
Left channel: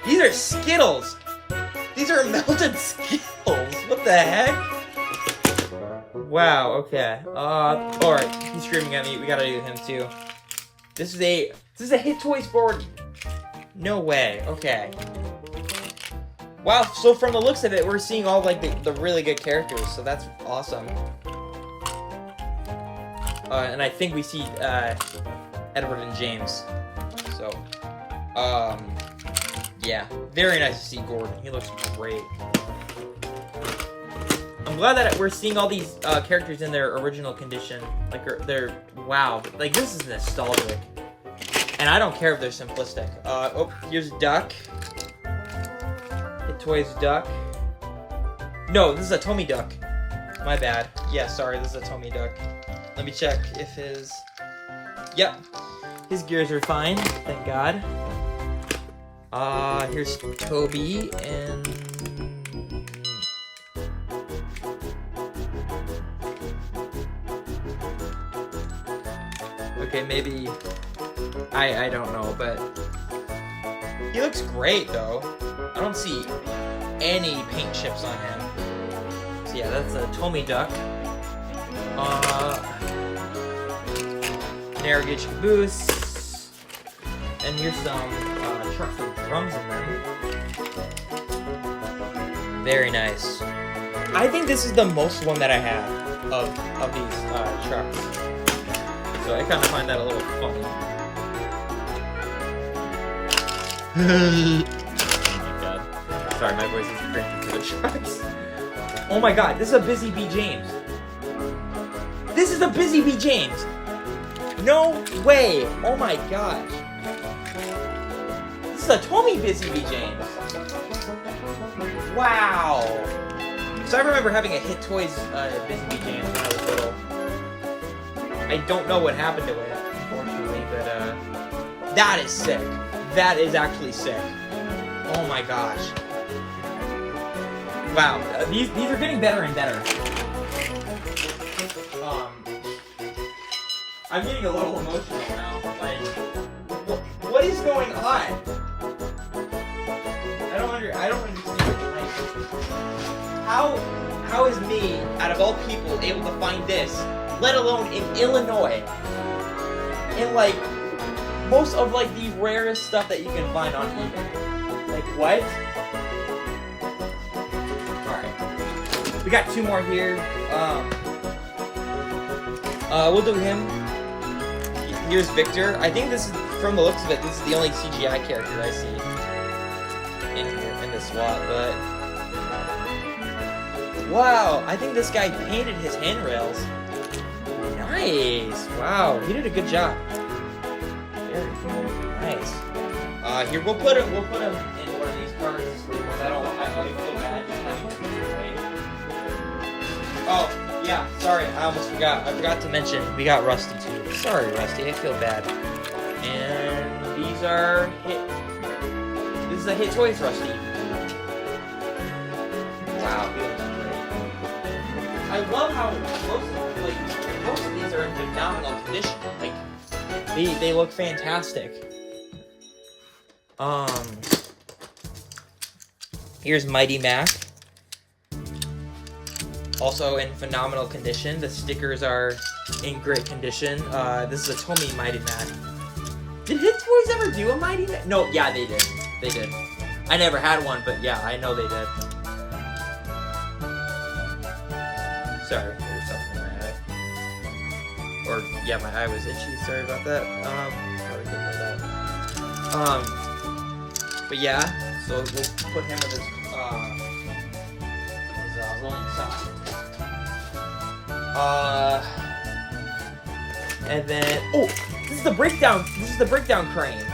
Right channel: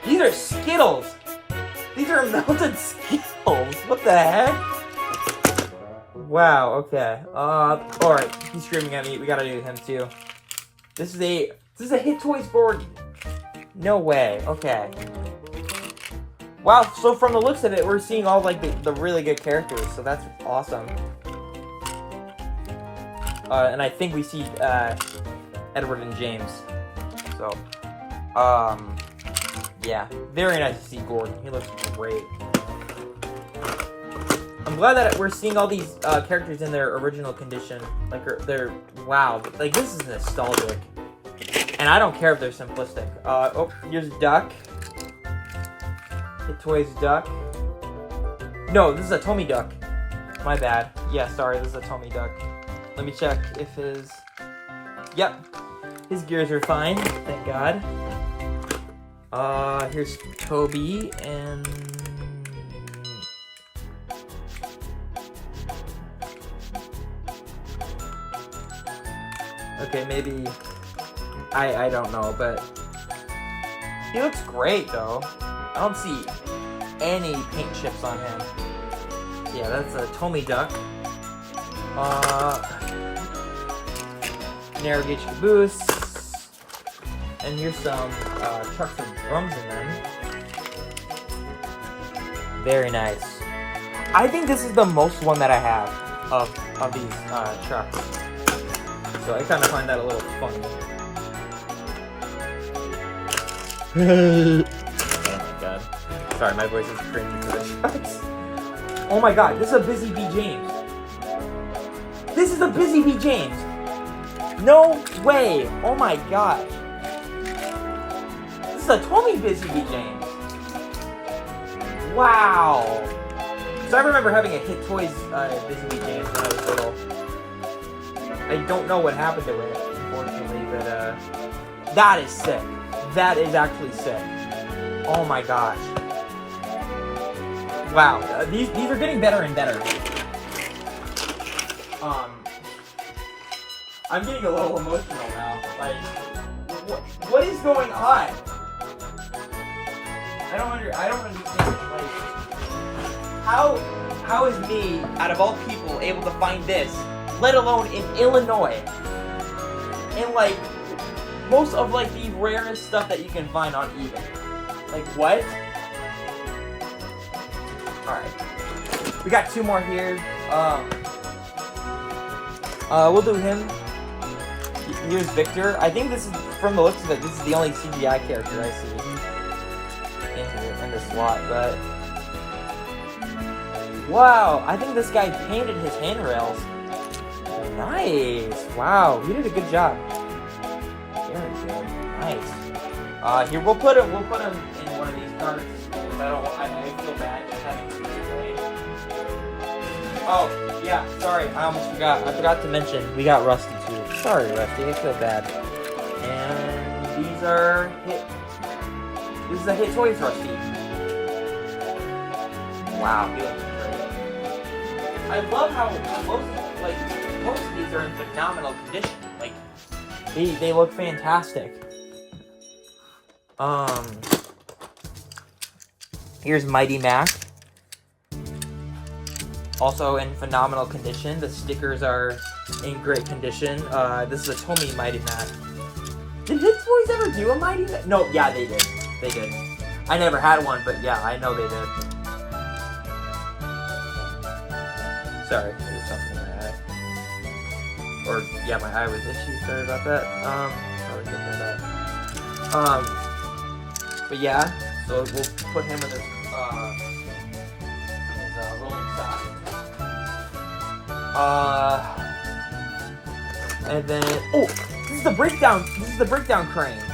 These are Skittles! These are melted Skittles! What the heck? Wow, okay. Alright, he's screaming at me, we gotta do him too. This is a Hit Toys board! No way, okay. Wow, so from the looks of it, we're seeing all, like, the really good characters, so that's awesome. And I think we see, Edward and James. So, yeah. Very nice to see Gordon. He looks great. I'm glad that we're seeing all these, characters in their original condition. Like, they're, wow. Like, this is nostalgic. And I don't care if they're simplistic. Oh, here's Duck. Hit Toys Duck. No, this is a Tommy Duck. My bad. Yeah, sorry, this is a Tommy Duck. Let me check if his... Yep. His gears are fine, thank God. Here's Toby, and... Okay, maybe... I don't know, but... He looks great, though. I don't see any paint chips on him. So yeah, that's a Tommy Duck. Narrow gauge caboose. And here's some trucks with drums in them. Very nice. I think this is the most one that I have of these trucks. So I kind of find that a little funny. Oh my god. Sorry, my voice is cringing to the trucks. Oh my god, this is a Busy Bee James. This is a Busy Bee James. No way. Oh my gosh. This is a Tommy Busy Bee James. Wow. So I remember having a Hit Toys Busy Bee James when I was little. I don't know what happened to it, unfortunately, but that is sick. That is actually sick. Oh my gosh. Wow, these are getting better and better. I'm getting a little emotional now. Like, what is going on? I don't understand. Like, how is me, out of all people, able to find this, let alone in Illinois, in like most of like the rarest stuff that you can find on eBay? Like what? All right, we got 2 more here. We'll do him. Here's Victor. I think this is, from the looks of it, this is the only CGI character I see in this swap, but wow, I think this guy painted his handrails. Nice. Wow, he did a good job. Very good. Nice. Here we'll put him in one of these cards. I don't feel bad just having to. Oh, yeah, sorry, I almost forgot. I forgot to mention, we got Rusty too. Sorry, Rusty, I feel bad. And these are this is a Hit Toys Rusty. Wow, he looks great. I love how most of these are in phenomenal condition. Like, they look fantastic. Here's Mighty Mac. Also in phenomenal condition. The stickers are in great condition. This is a Tomy Mighty Mac. Did Hit Toys ever do a Mighty Mac? No, yeah, they did. They did. I never had one, but yeah, I know they did. Sorry, there's something in my eye. Or, yeah, my eye was itchy. Sorry about that. Probably didn't know that. But yeah, so we'll put him in this, rolling stock. And then, oh, this is the breakdown crane.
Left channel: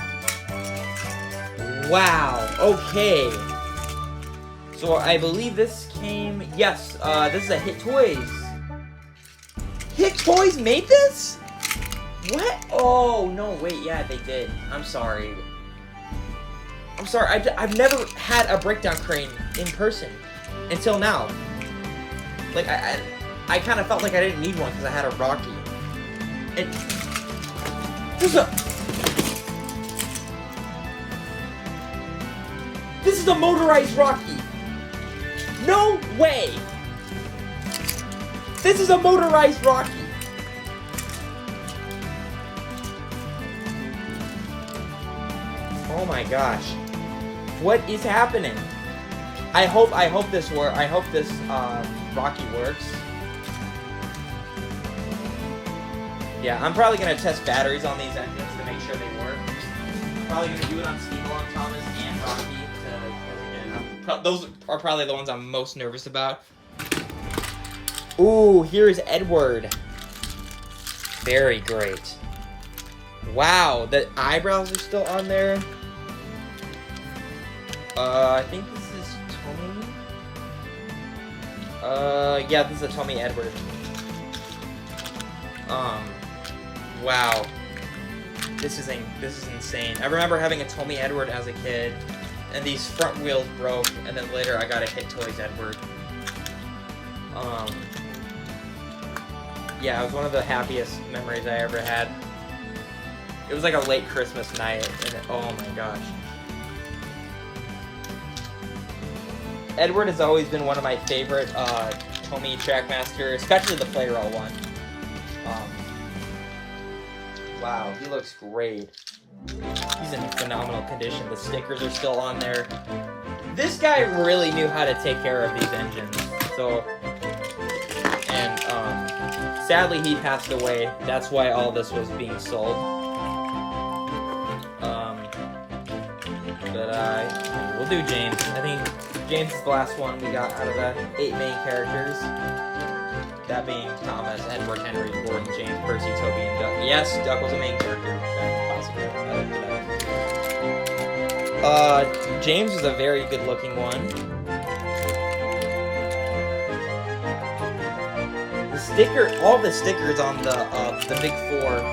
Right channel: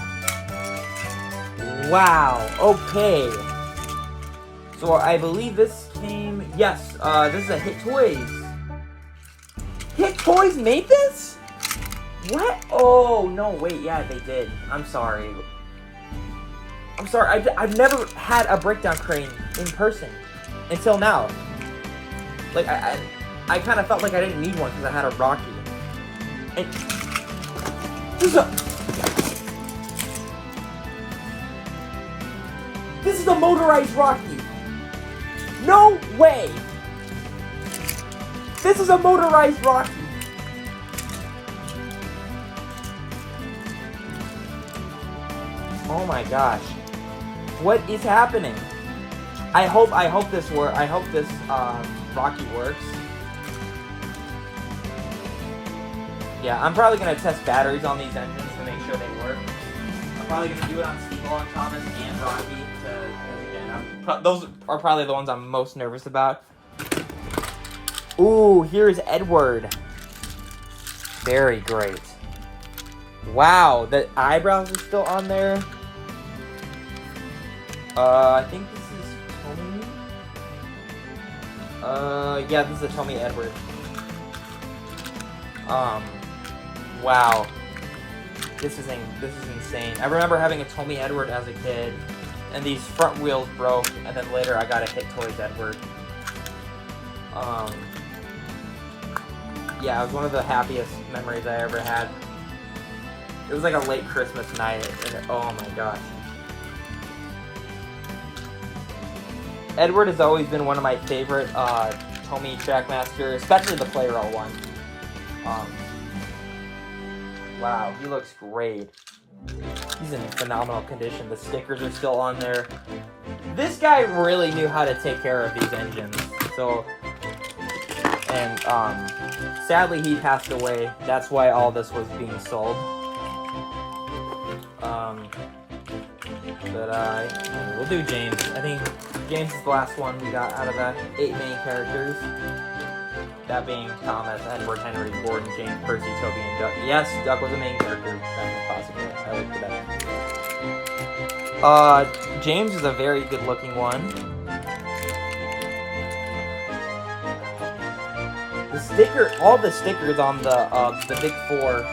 Wow, okay. So I believe this came, yes, this is a Hit Toys. Hit Toys made this? What? Oh, no, wait, yeah, they did. I'm sorry. I've never had a breakdown crane in person until now. Like, I kind of felt like I didn't need one because I had a Rocky. And this is a motorized Rocky. No way. This is a motorized Rocky. Oh my gosh. What is happening? I hope this works. I hope this Rocky works. Yeah, I'm probably gonna test batteries on these engines to make sure they work. I'm probably gonna do it on Steve Thomas and Rocky. Those are probably the ones I'm most nervous about. Ooh, here's Edward. Very great. Wow, the eyebrows are still on there. I think this is Tommy. Yeah, this is a Tommy Edward. Wow. This is insane. I remember having a Tommy Edward as a kid, and these front wheels broke, and then later I got a Hit Toys Edward. Yeah, it was one of the happiest memories I ever had. It was like a late Christmas night, and oh my gosh. Edward has always been one of my favorite Tommy Trackmaster, especially the play roll one. Wow, he looks great. He's in phenomenal condition. The stickers are still on there. This guy really knew how to take care of these engines. So, and sadly he passed away. That's why all this was being sold. We'll do James. I think James is the last one we got out of the 8 main characters. That being Thomas, Edward, Henry, Gordon, James, Percy, Toby, and Duck. Yes, Duck was a main character. James is a very good-looking one. All the stickers on the big 4,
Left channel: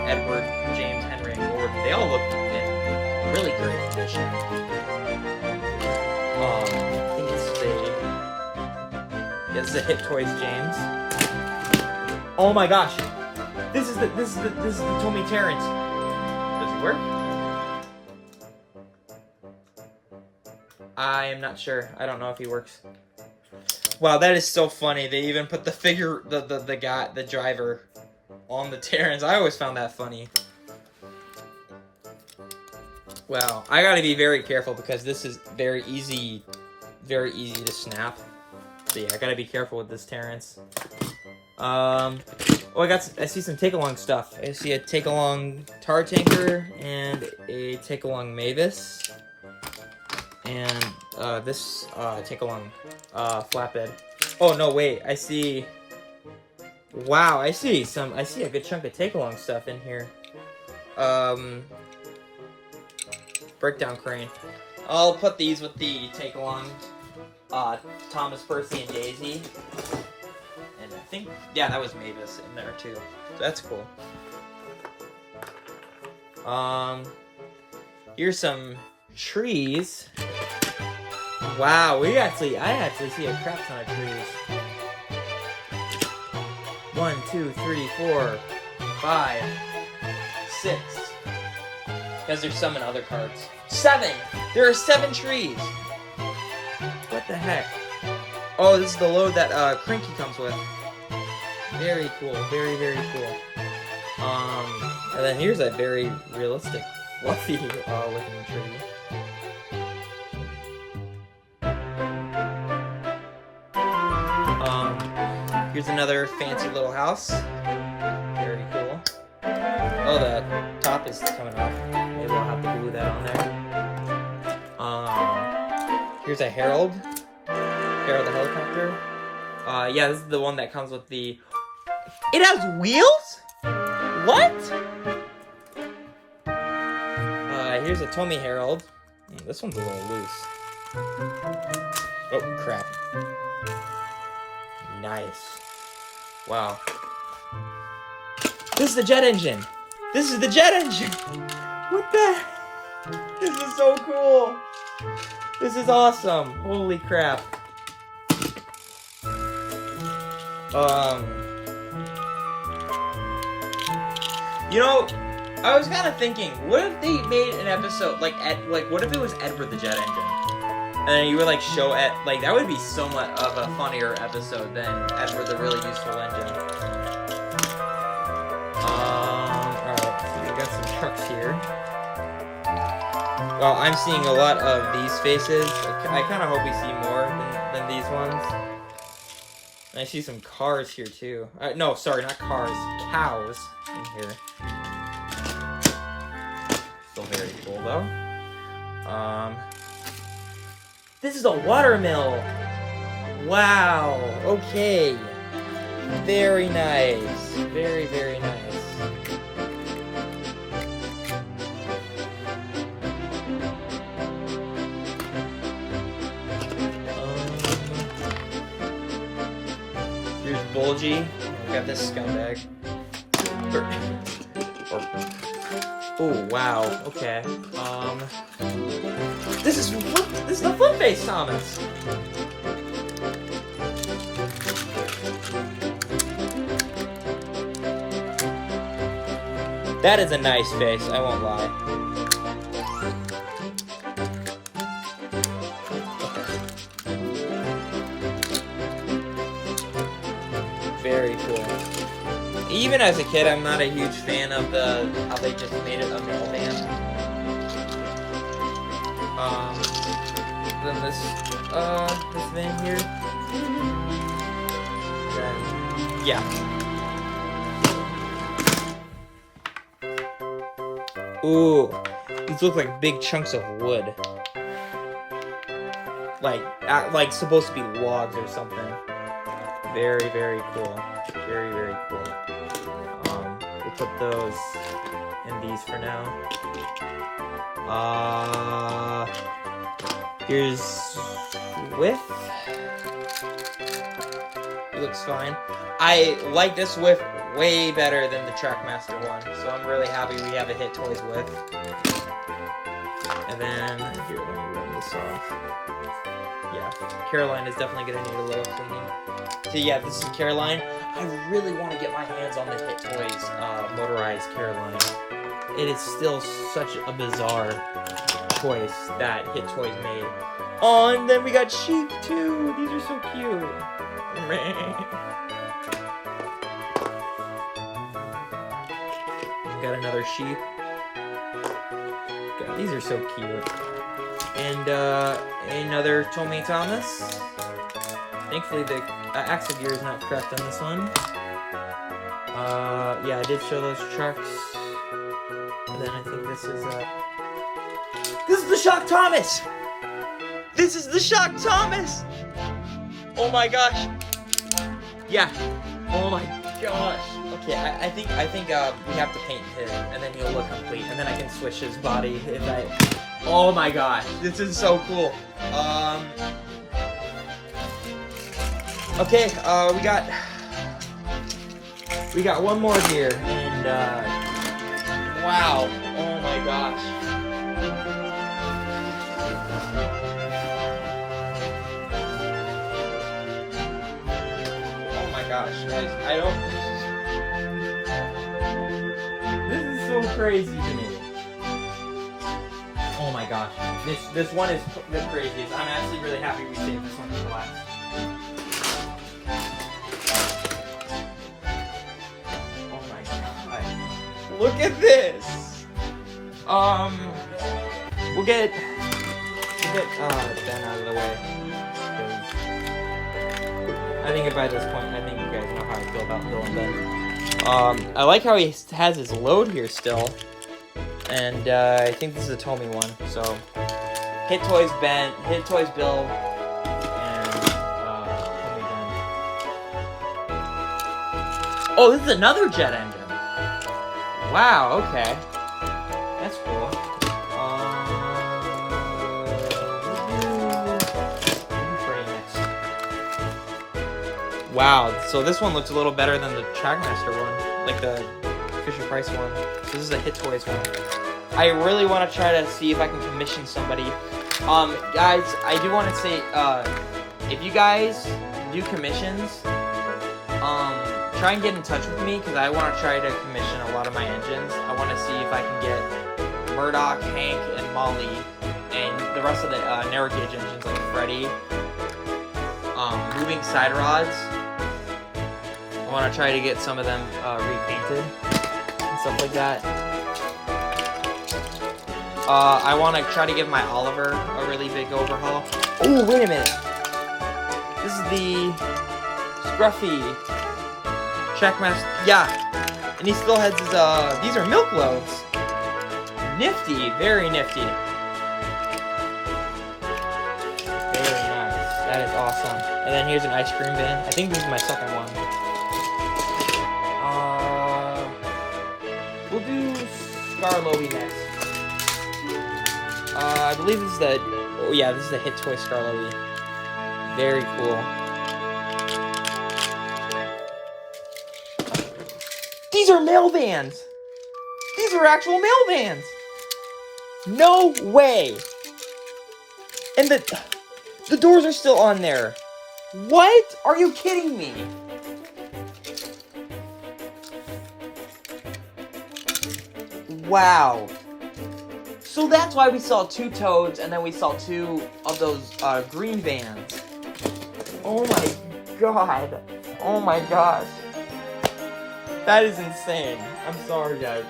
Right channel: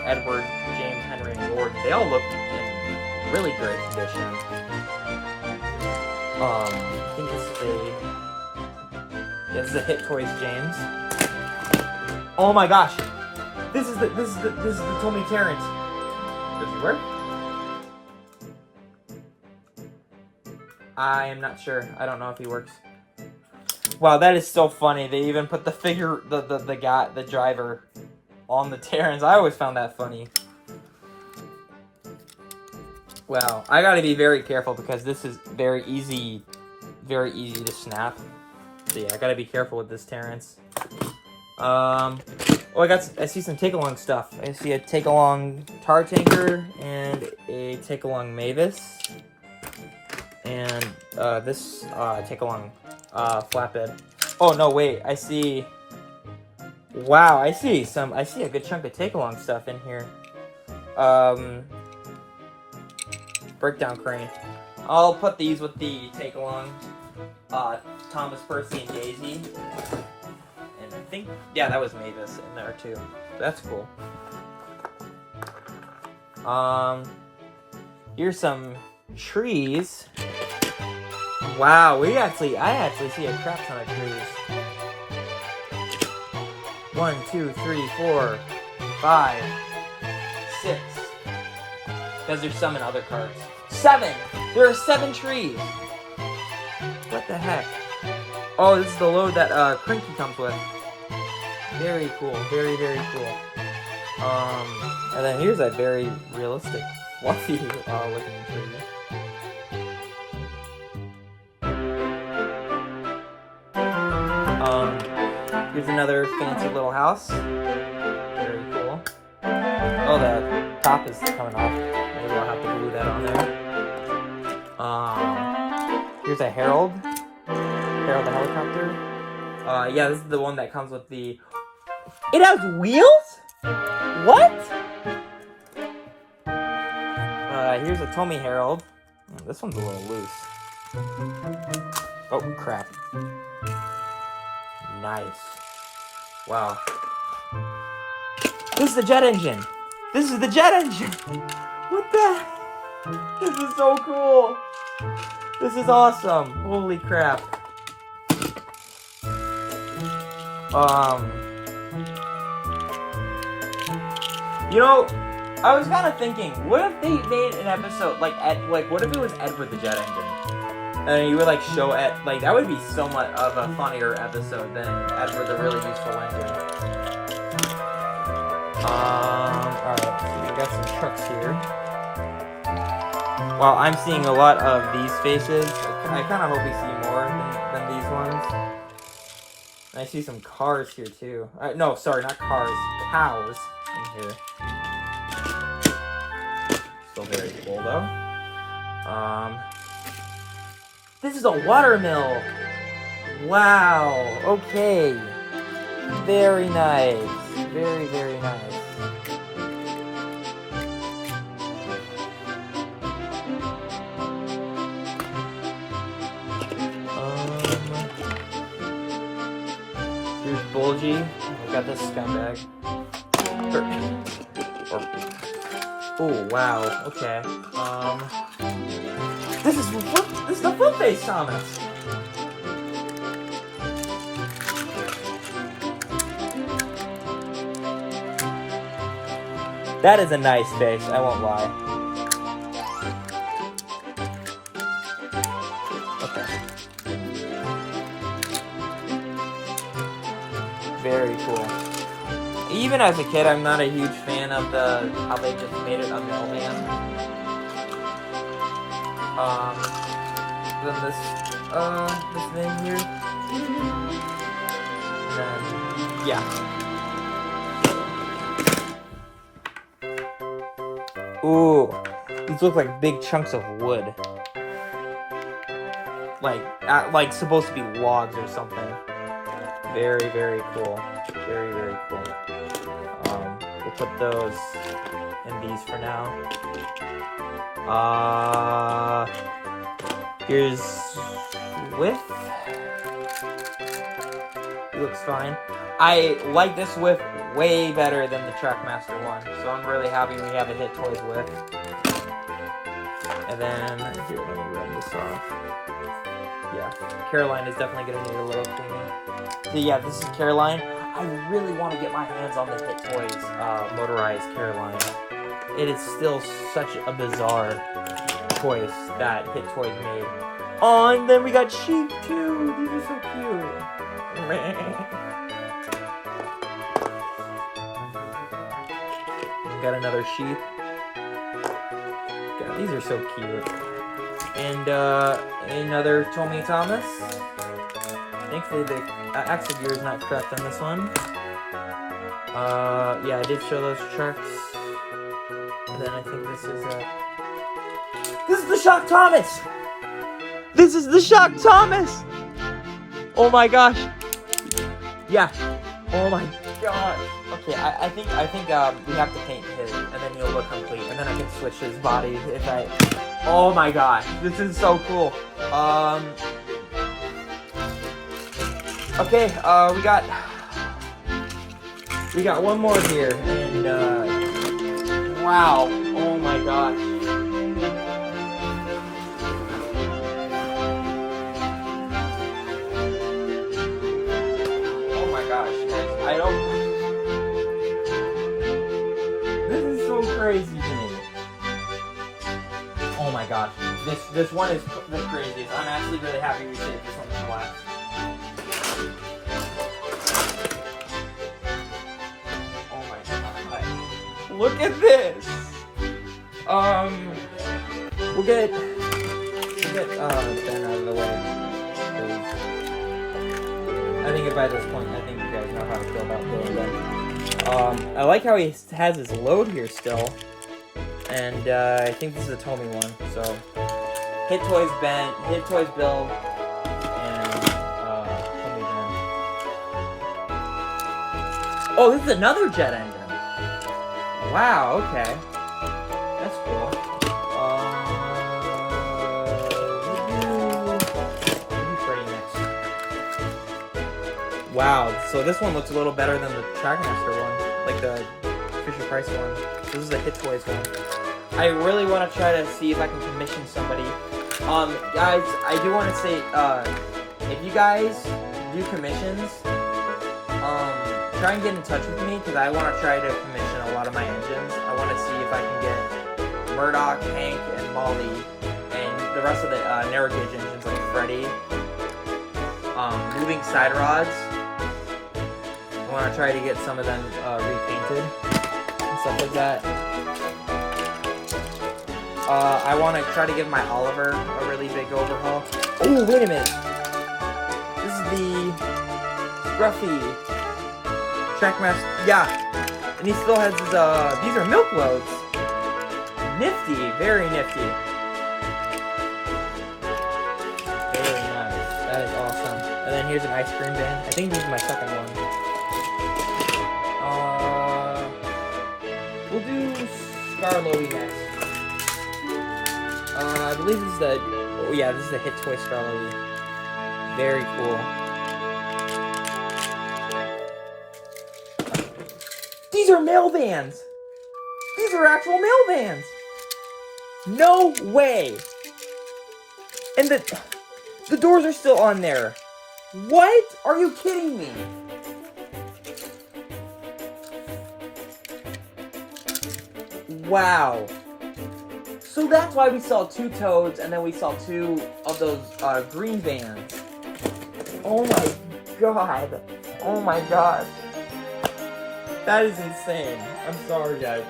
Edward, James, Henry, and Gordon, they all look in really great condition. I think this is a Hit Toys James. Oh my gosh. This is the Tommy Terrence. Does he work? I am not sure. I don't know if he works. Wow, that is so funny. They even put the figure, the guy, the driver, on the Terrence. I always found that funny. Wow, I gotta be very careful because this is very easy to snap. So yeah, I gotta be careful with this Terrence. Oh, I see some take-along stuff. I see a take-along tar tanker and a take-along Mavis. And this take-along flatbed. Oh no, wait, I see. Wow, I see a good chunk of take-along stuff in here. Breakdown crane. I'll put these with the take-along Thomas, Percy, and Daisy. And I think, yeah, that was Mavis in there too. So that's cool. Here's some trees. Wow, I actually see a crap ton of trees. 1, 2, 3, 4, 5, 6. Because there's some in other carts. 7! There are 7 trees! What the heck? Oh, this is the load that Crinky comes with. Very cool. Very, very cool. And then here's a very realistic, fluffy looking tree. Here's another fancy little house. Very cool. Oh, the top is coming off. Maybe I'll have to glue that on there. Here's a Harold. Harold the helicopter. Yeah, this is the one that comes with the... It has wheels? What? Here's a Tommy Harold. This one's a little loose. Oh, crap. Nice. Wow. This is the jet engine. This is the jet engine. What the? This is so cool. This is awesome. Holy crap. You know, I was kind of thinking, what if they made an episode like what if it was Edward the Jet Engine? And you would like show it, like that would be somewhat of a funnier episode than Edward the Really Useful Engine. Alright, so we got some trucks here. Well, I'm seeing a lot of these faces. I kind of hope we see more than these ones. And I see some cars here too. No, sorry, not cars, cows in here. Still very cool though. This is a watermill. Wow. Okay. Very nice. Very, very nice. Here's Bulgy. We got this scumbag. Oh wow. Okay. This is the Flip-Face Thomas. That is a nice face, I won't lie. Very cool. Even as a kid, I'm not a huge fan of how they just made it unreal man. Then this thing here. Yeah. Ooh, these look like big chunks of wood. Like supposed to be logs or something. Very, very cool. Very, very cool. We'll put those in these for now. Here's Swift. It looks fine. I like this Swift way better than the Trackmaster one. So I'm really happy we have a Hit Toys with. And then, here, let me run this off. Yeah, Caroline is definitely going to need a little cleaning. So yeah, this is Caroline. I really want to get my hands on the Hit Toys motorized Caroline. It is still such a bizarre choice that Hit Toys made. Oh, and then we got sheep too. These are so cute. Got another sheep. God, these are so cute. And another Tommy Thomas. Thankfully the axle gear is not cracked on this one. Yeah, I did show those trucks. And then I think this is the Shock Thomas! This is the Shock Thomas! Oh my gosh. Yeah. Oh my gosh. Okay, I think we have to paint his, and then he'll look complete, and then I can switch his body if I... Oh my gosh, this is so cool. Okay, we got one more here, and wow, oh my gosh. Oh my gosh, guys, I don't... This is so crazy to me. Oh my gosh, this one is the craziest. I'm actually really happy we saved this one for last. Oh my god. Look at this! We'll get Ben out of the way. I think by this point, I think you guys know how to feel about Bill and Ben. I like how he has his load here still. And I think this is a Tommy one. So Hit Toys Ben, Hit Toys Bill, and Tommy Ben. Oh, this is another jet engine. Wow, okay. That's cool. Wow, so this one looks a little better than the Trackmaster one, like the Fisher Price one. So this is a Hit Toys one. I really want to try to see if I can commission somebody. Guys, I do want to say, if you guys do commissions, try and get in touch with me, because I want to try to commission a lot of my engines. I want to see if I can get Murdoch, Hank, and Molly, and the rest of the narrow gauge engines like Freddy, moving side rods. I want to try to get some of them repainted and stuff like that. I want to try to give my Oliver a really big overhaul. Oh, wait a minute. This is the Scruffy Trackmaster. Yeah. And he still has his, these are milk loads. Nifty. Very nifty. Very nice. That is awesome. And then here's an ice cream bin. I think this is my second one. We'll do Scarlowy next. I believe this is the... Oh yeah, this is the Hit Toy Scarlowy. Very cool. These are mail vans! These are actual mail vans! No way! And the doors are still on there. What? Are you kidding me? Wow. So that's why we saw 2 Toads, and then we saw 2 of those green vans. Oh my god. Oh my gosh. That is insane. I'm sorry, guys.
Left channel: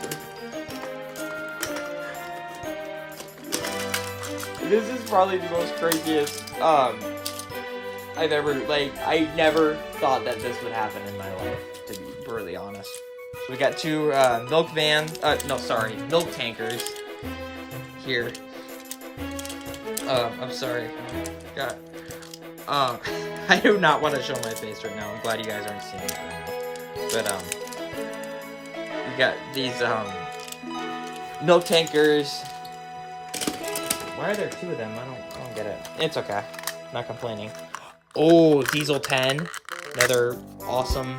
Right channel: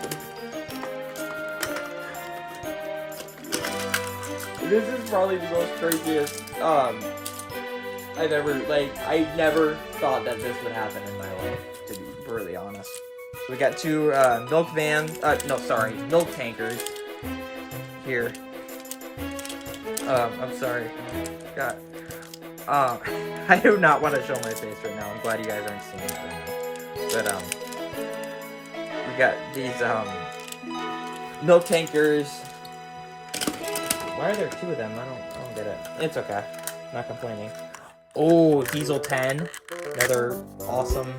This is probably the most craziest I've ever, I never thought that this would happen in my life, to be brutally honest. We got 2 milk vans, milk tankers here. I'm sorry. God. I do not want to show my face right now. I'm glad you guys aren't seeing it right now. But, we got these, milk tankers. Why are there 2 of them? I don't get it. It's okay. Not complaining. Oh, Diesel 10. Another awesome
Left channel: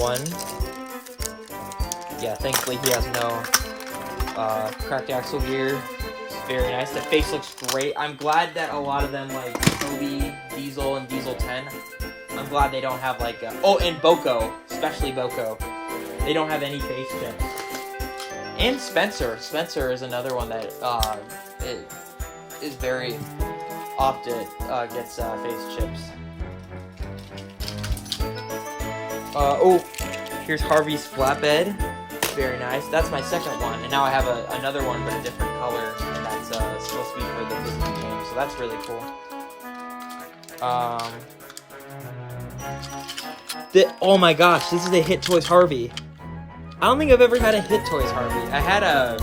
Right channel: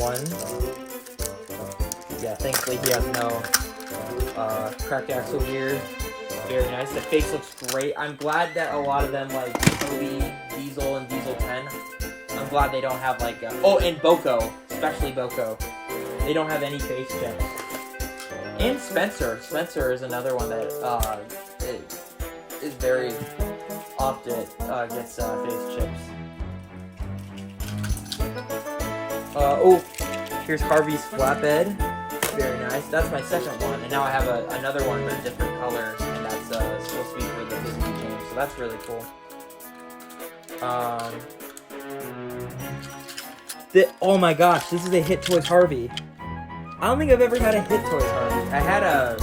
one. Yeah, thankfully he has no cracked axle gear. Very nice. The face looks great. I'm glad that a lot of them, like Scooby, Diesel, and Diesel 10, I'm glad they don't have like oh, and Boko, especially Boko. They don't have any face chips. And Spencer. Spencer is another one that is very often gets face chips. Oh, here's Harvey's flatbed. Very nice. That's my second one, and now I have another one with a different color, and that's supposed to be for the Disney game. So that's really cool. Oh my gosh, this is a Hit Toys Harvey. I don't think I've ever had a Hit Toys Harvey. I had a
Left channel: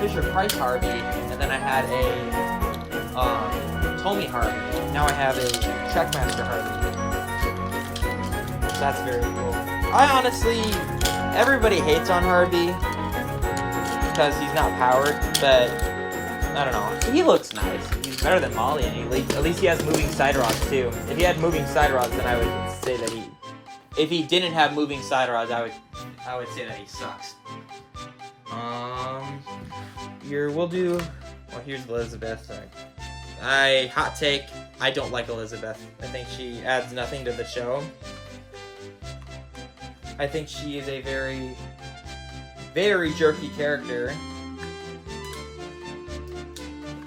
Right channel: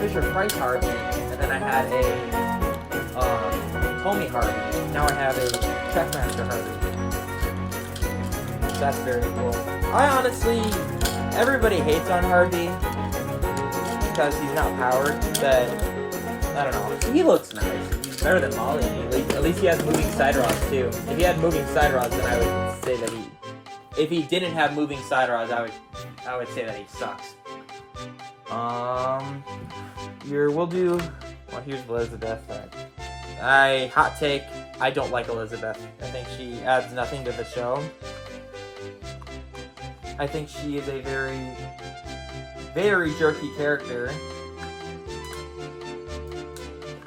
Fisher Price Harvey, and then I had a Tommy Harvey. Now I have a Checkmaster Harvey. That's very cool. I honestly, everybody hates on Harvey because he's not powered, but I don't know. He looks nice. He's better than Molly. At least he has moving side rods too. If he had moving side rods, then I would say that he. If he didn't have moving side rods, I would say that he sucks. We'll do. Well, here's Elizabeth. Hot take. I don't like Elizabeth. I think she adds nothing to the show. I think she is a very, very jerky character.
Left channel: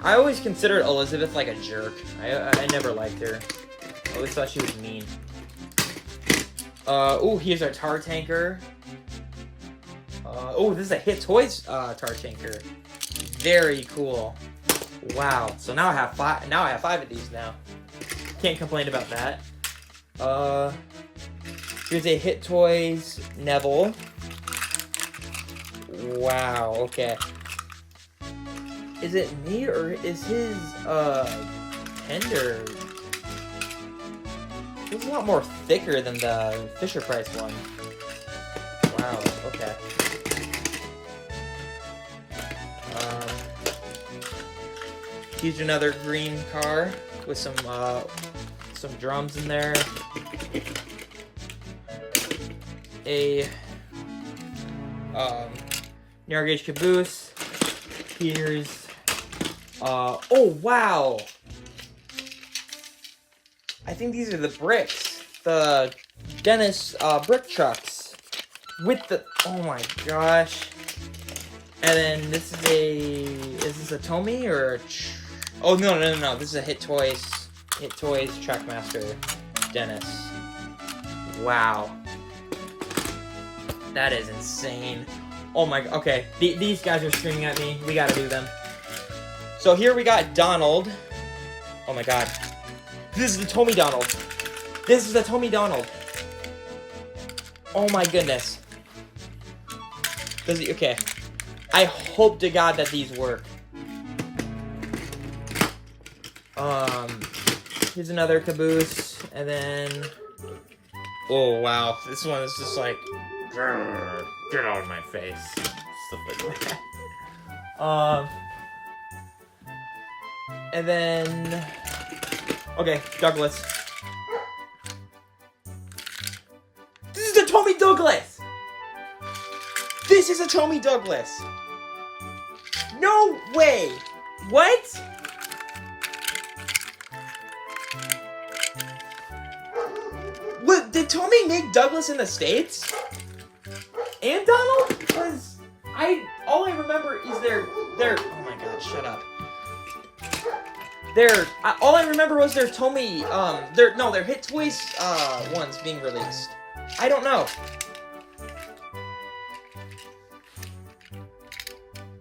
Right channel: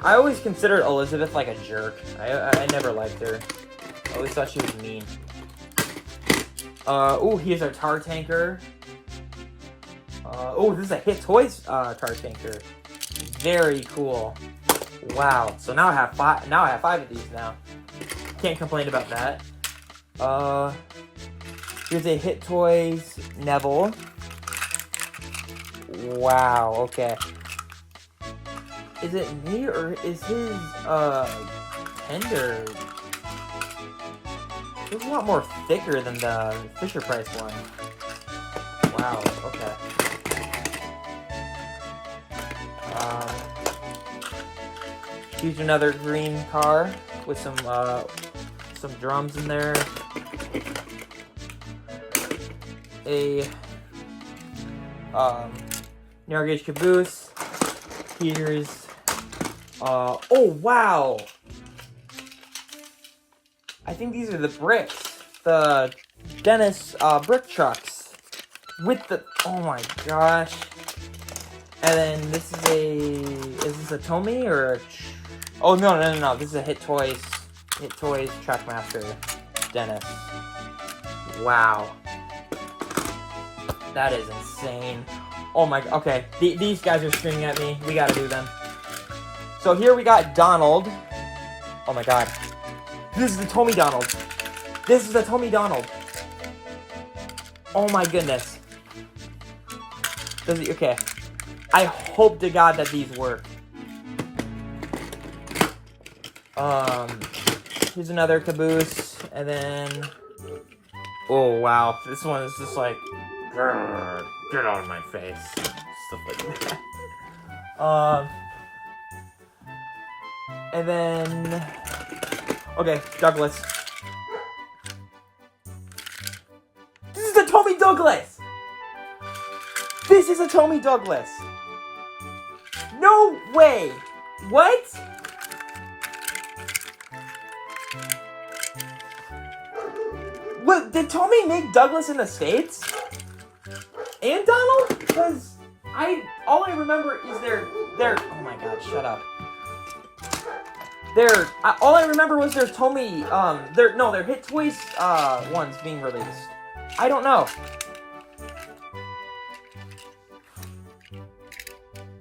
I always considered Elizabeth like a jerk. I never liked her. I always thought she was mean. Oh, here's our tar tanker. Oh, this is a Hit Toys tar tanker. Very cool. Wow. So now I have five. Now I have 5 of these now. Can't complain about that. Here's a Hit Toys Neville. Wow. Okay. Is it me or is his tender? It's a lot more thicker than the Fisher Price one. Wow, okay. Here's another green car with some drums in there. A narrow gauge caboose. Here's oh wow! I think these are the bricks. The Dennis brick trucks. With the oh my gosh. And then this is this a Tommy or a oh no. This is a Hit Toys Trackmaster Dennis. Wow. That is insane. Oh my, okay. These guys are screaming at me. We gotta do them. So here we got Donald. Oh my god. This is the Tommy Donald. This is the Tommy Donald. Oh my goodness. Does he, okay. I hope to God that these work. Here's another caboose. And then, oh wow. This one is just like, get out of my face. Stuff like that. And then, okay, Douglas. This is a Tommy Douglas! This is a Tommy Douglas! No way! What? What, did Tommy make Douglas in the States? And Donald? Because all I remember is their oh my god, shut up. All I remember was their Tommy, their Hit Toys, ones being released. I don't know.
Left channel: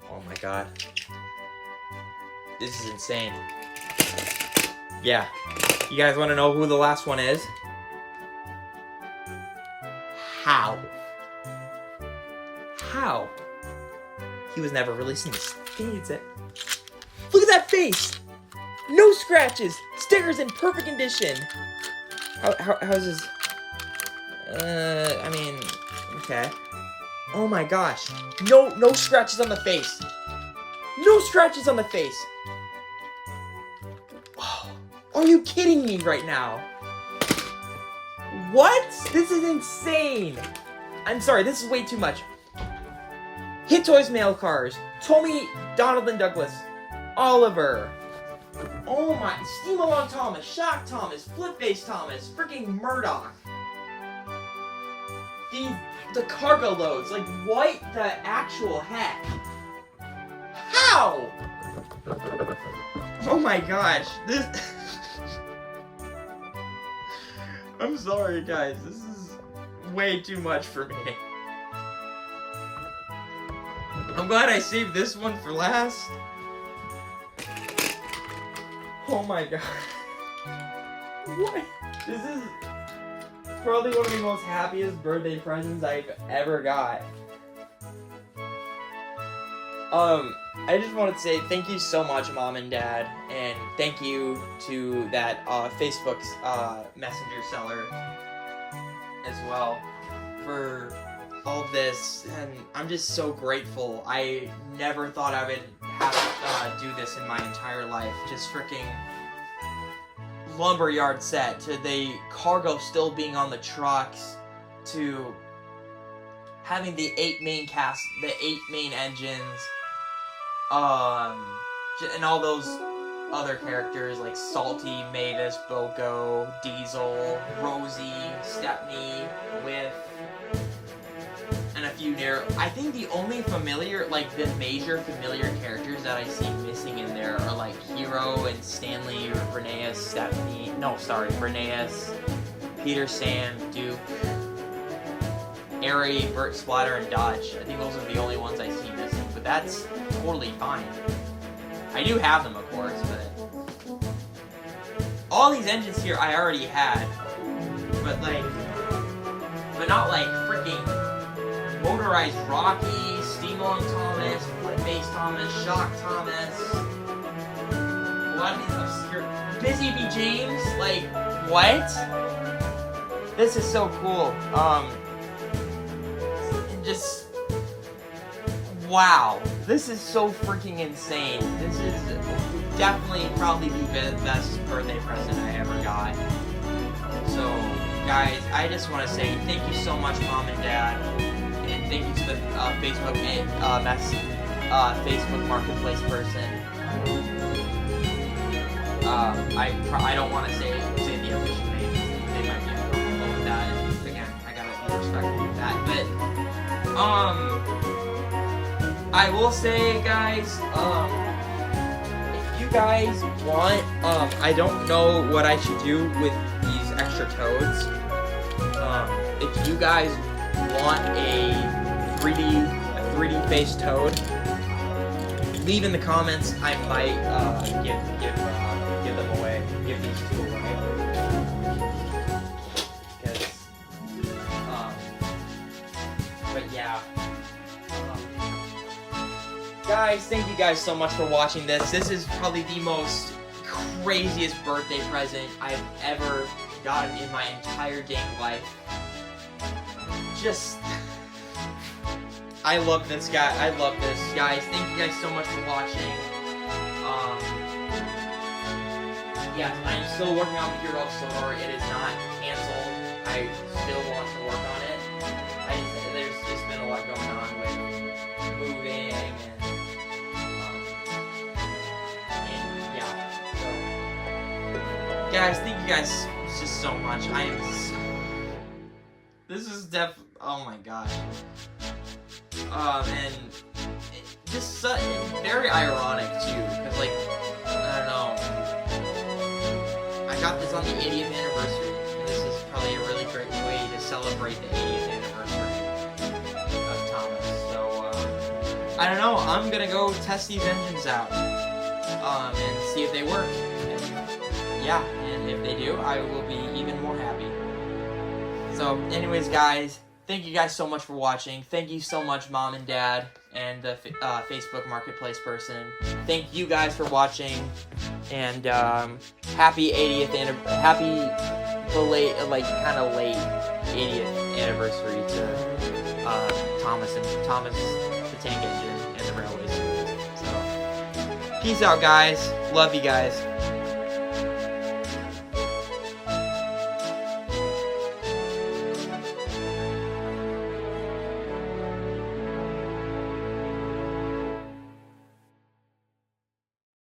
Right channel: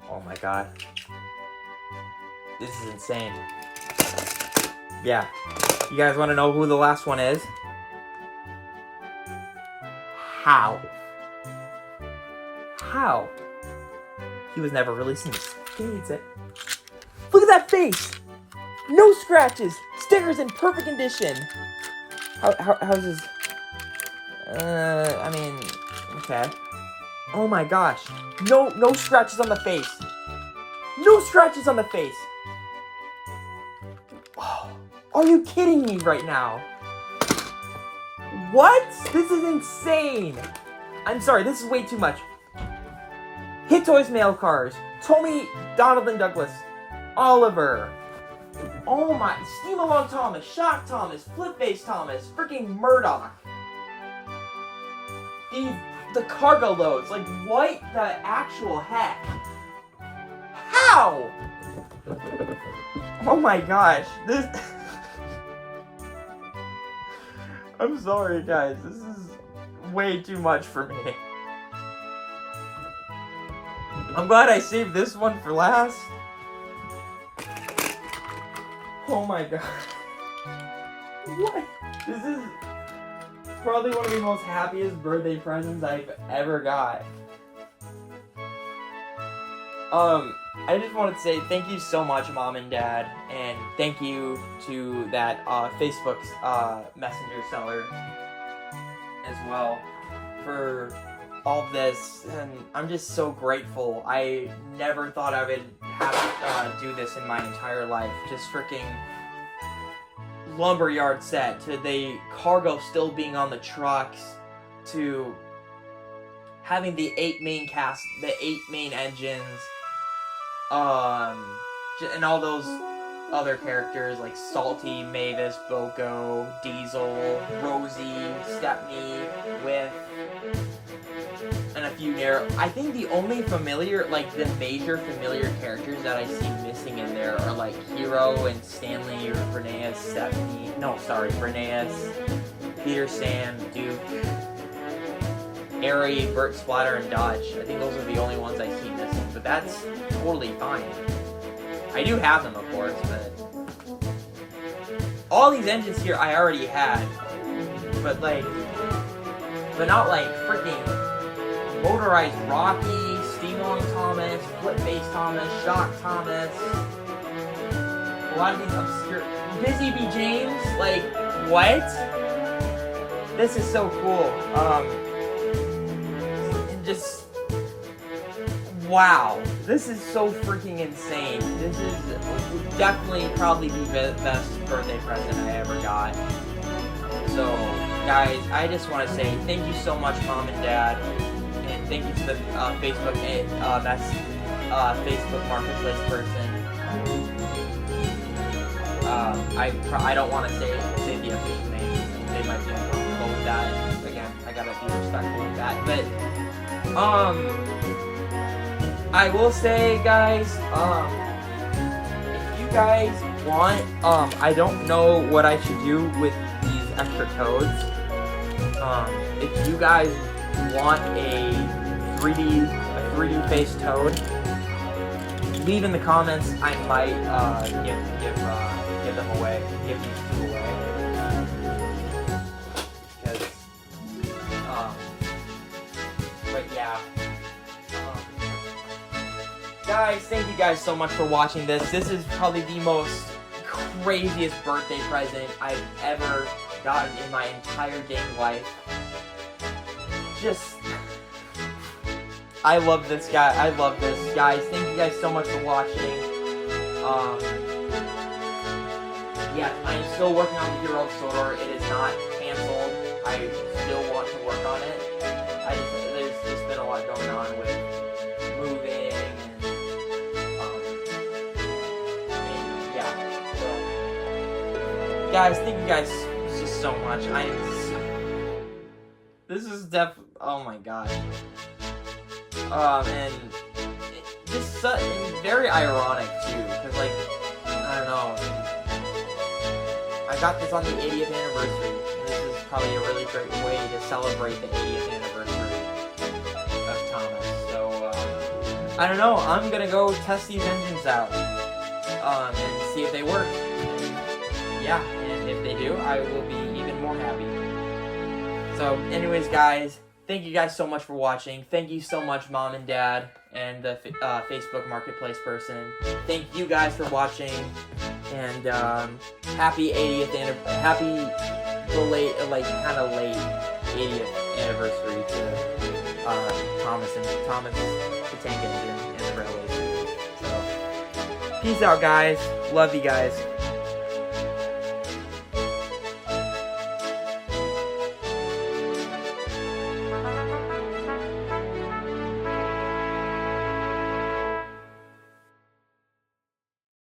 Oh my god. This is insane. Yeah. You guys want to know who the last one is? How? How? He was never released in the States. Look at that face! No scratches! Stickers in perfect condition! How's his... I mean... Okay. Oh my gosh. No scratches on the face! No scratches on the face! Oh, are you kidding me right now? What? This is insane. I'm sorry, this is way too much. Hit Toys Mail Cars. Tommy, Donald and Douglas. Oliver. Oh my. Steam Along Thomas. Shock Thomas. Flip Face Thomas. Freaking Murdoch. The cargo loads. Like, what the actual heck? How? Oh my gosh. This... I'm sorry, guys. This is way too much for me. I'm glad I saved this one for last. Oh my god. What? This is probably one of the most happiest birthday presents I've ever got. I just want to say thank you so much, Mom and Dad, and thank you to that Facebook's Messenger seller as well for all this, and I'm just so grateful. I never thought I would have to do this in my entire life. Just freaking lumberyard set, to the cargo still being on the trucks, to having the 8 main engines, and all those other characters like Salty, Mavis, Boko, Diesel, Rosie, Stepney, Whiff, and a few there. I think the only familiar, like the major familiar characters that I see missing in there are like Hero and Stanley, or Rheneas, Stephanie. No, sorry, Rheneas, Peter, Sam, Duke, Airy, Bert, Splatter, and Dodge. I think those are the only ones I see missing, but that's totally fine. I do have them, of course, but all these engines here I already had, but not like freaking Motorized Rocky, Steam Along Thomas, Flip Face Thomas, Shock Thomas, a lot of these obscure, Busy Bee James, like, what? This is so cool. Just, wow, this is so freaking insane. This is definitely probably the best birthday present I ever got. So, guys, I just want to say thank you so much, Mom and Dad, and thank you to the Facebook Marketplace person. I don't want to say the official name. They might be uncomfortable with that. And again, I gotta be respectful of that. But I will say, guys, if you guys want, I don't know what I should do with these extra toads. If you guys want a 3D faced toad, leave in the comments. I might give them away. Give these two away. But yeah. Guys, thank you guys so much for watching this. This is probably the most craziest birthday present I've ever gotten in my entire dang life. Just, I love this guy. I love this, guys. Thank you guys so much for watching. Yeah, I'm still working on the Hero Store. It is not canceled. I still want to work on it. There's just been a lot going on with moving and yeah. So, guys, thank you guys just so much. This is oh my gosh. And just very ironic too, because like, I don't know, I got this on the 80th anniversary, and this is probably a really great way to celebrate the 80th anniversary of Thomas. So, I don't know, I'm gonna go test these engines out, and see if they work. And, yeah, and if they do, I will be even more happy. So, anyways, guys, thank you guys so much for watching. Thank you so much, Mom and Dad, and the Facebook Marketplace person. Thank you guys for watching, and happy 80th happy late 80th anniversary to Thomas the Tank Engine and the Railway Series. So, peace out, guys. Love you guys.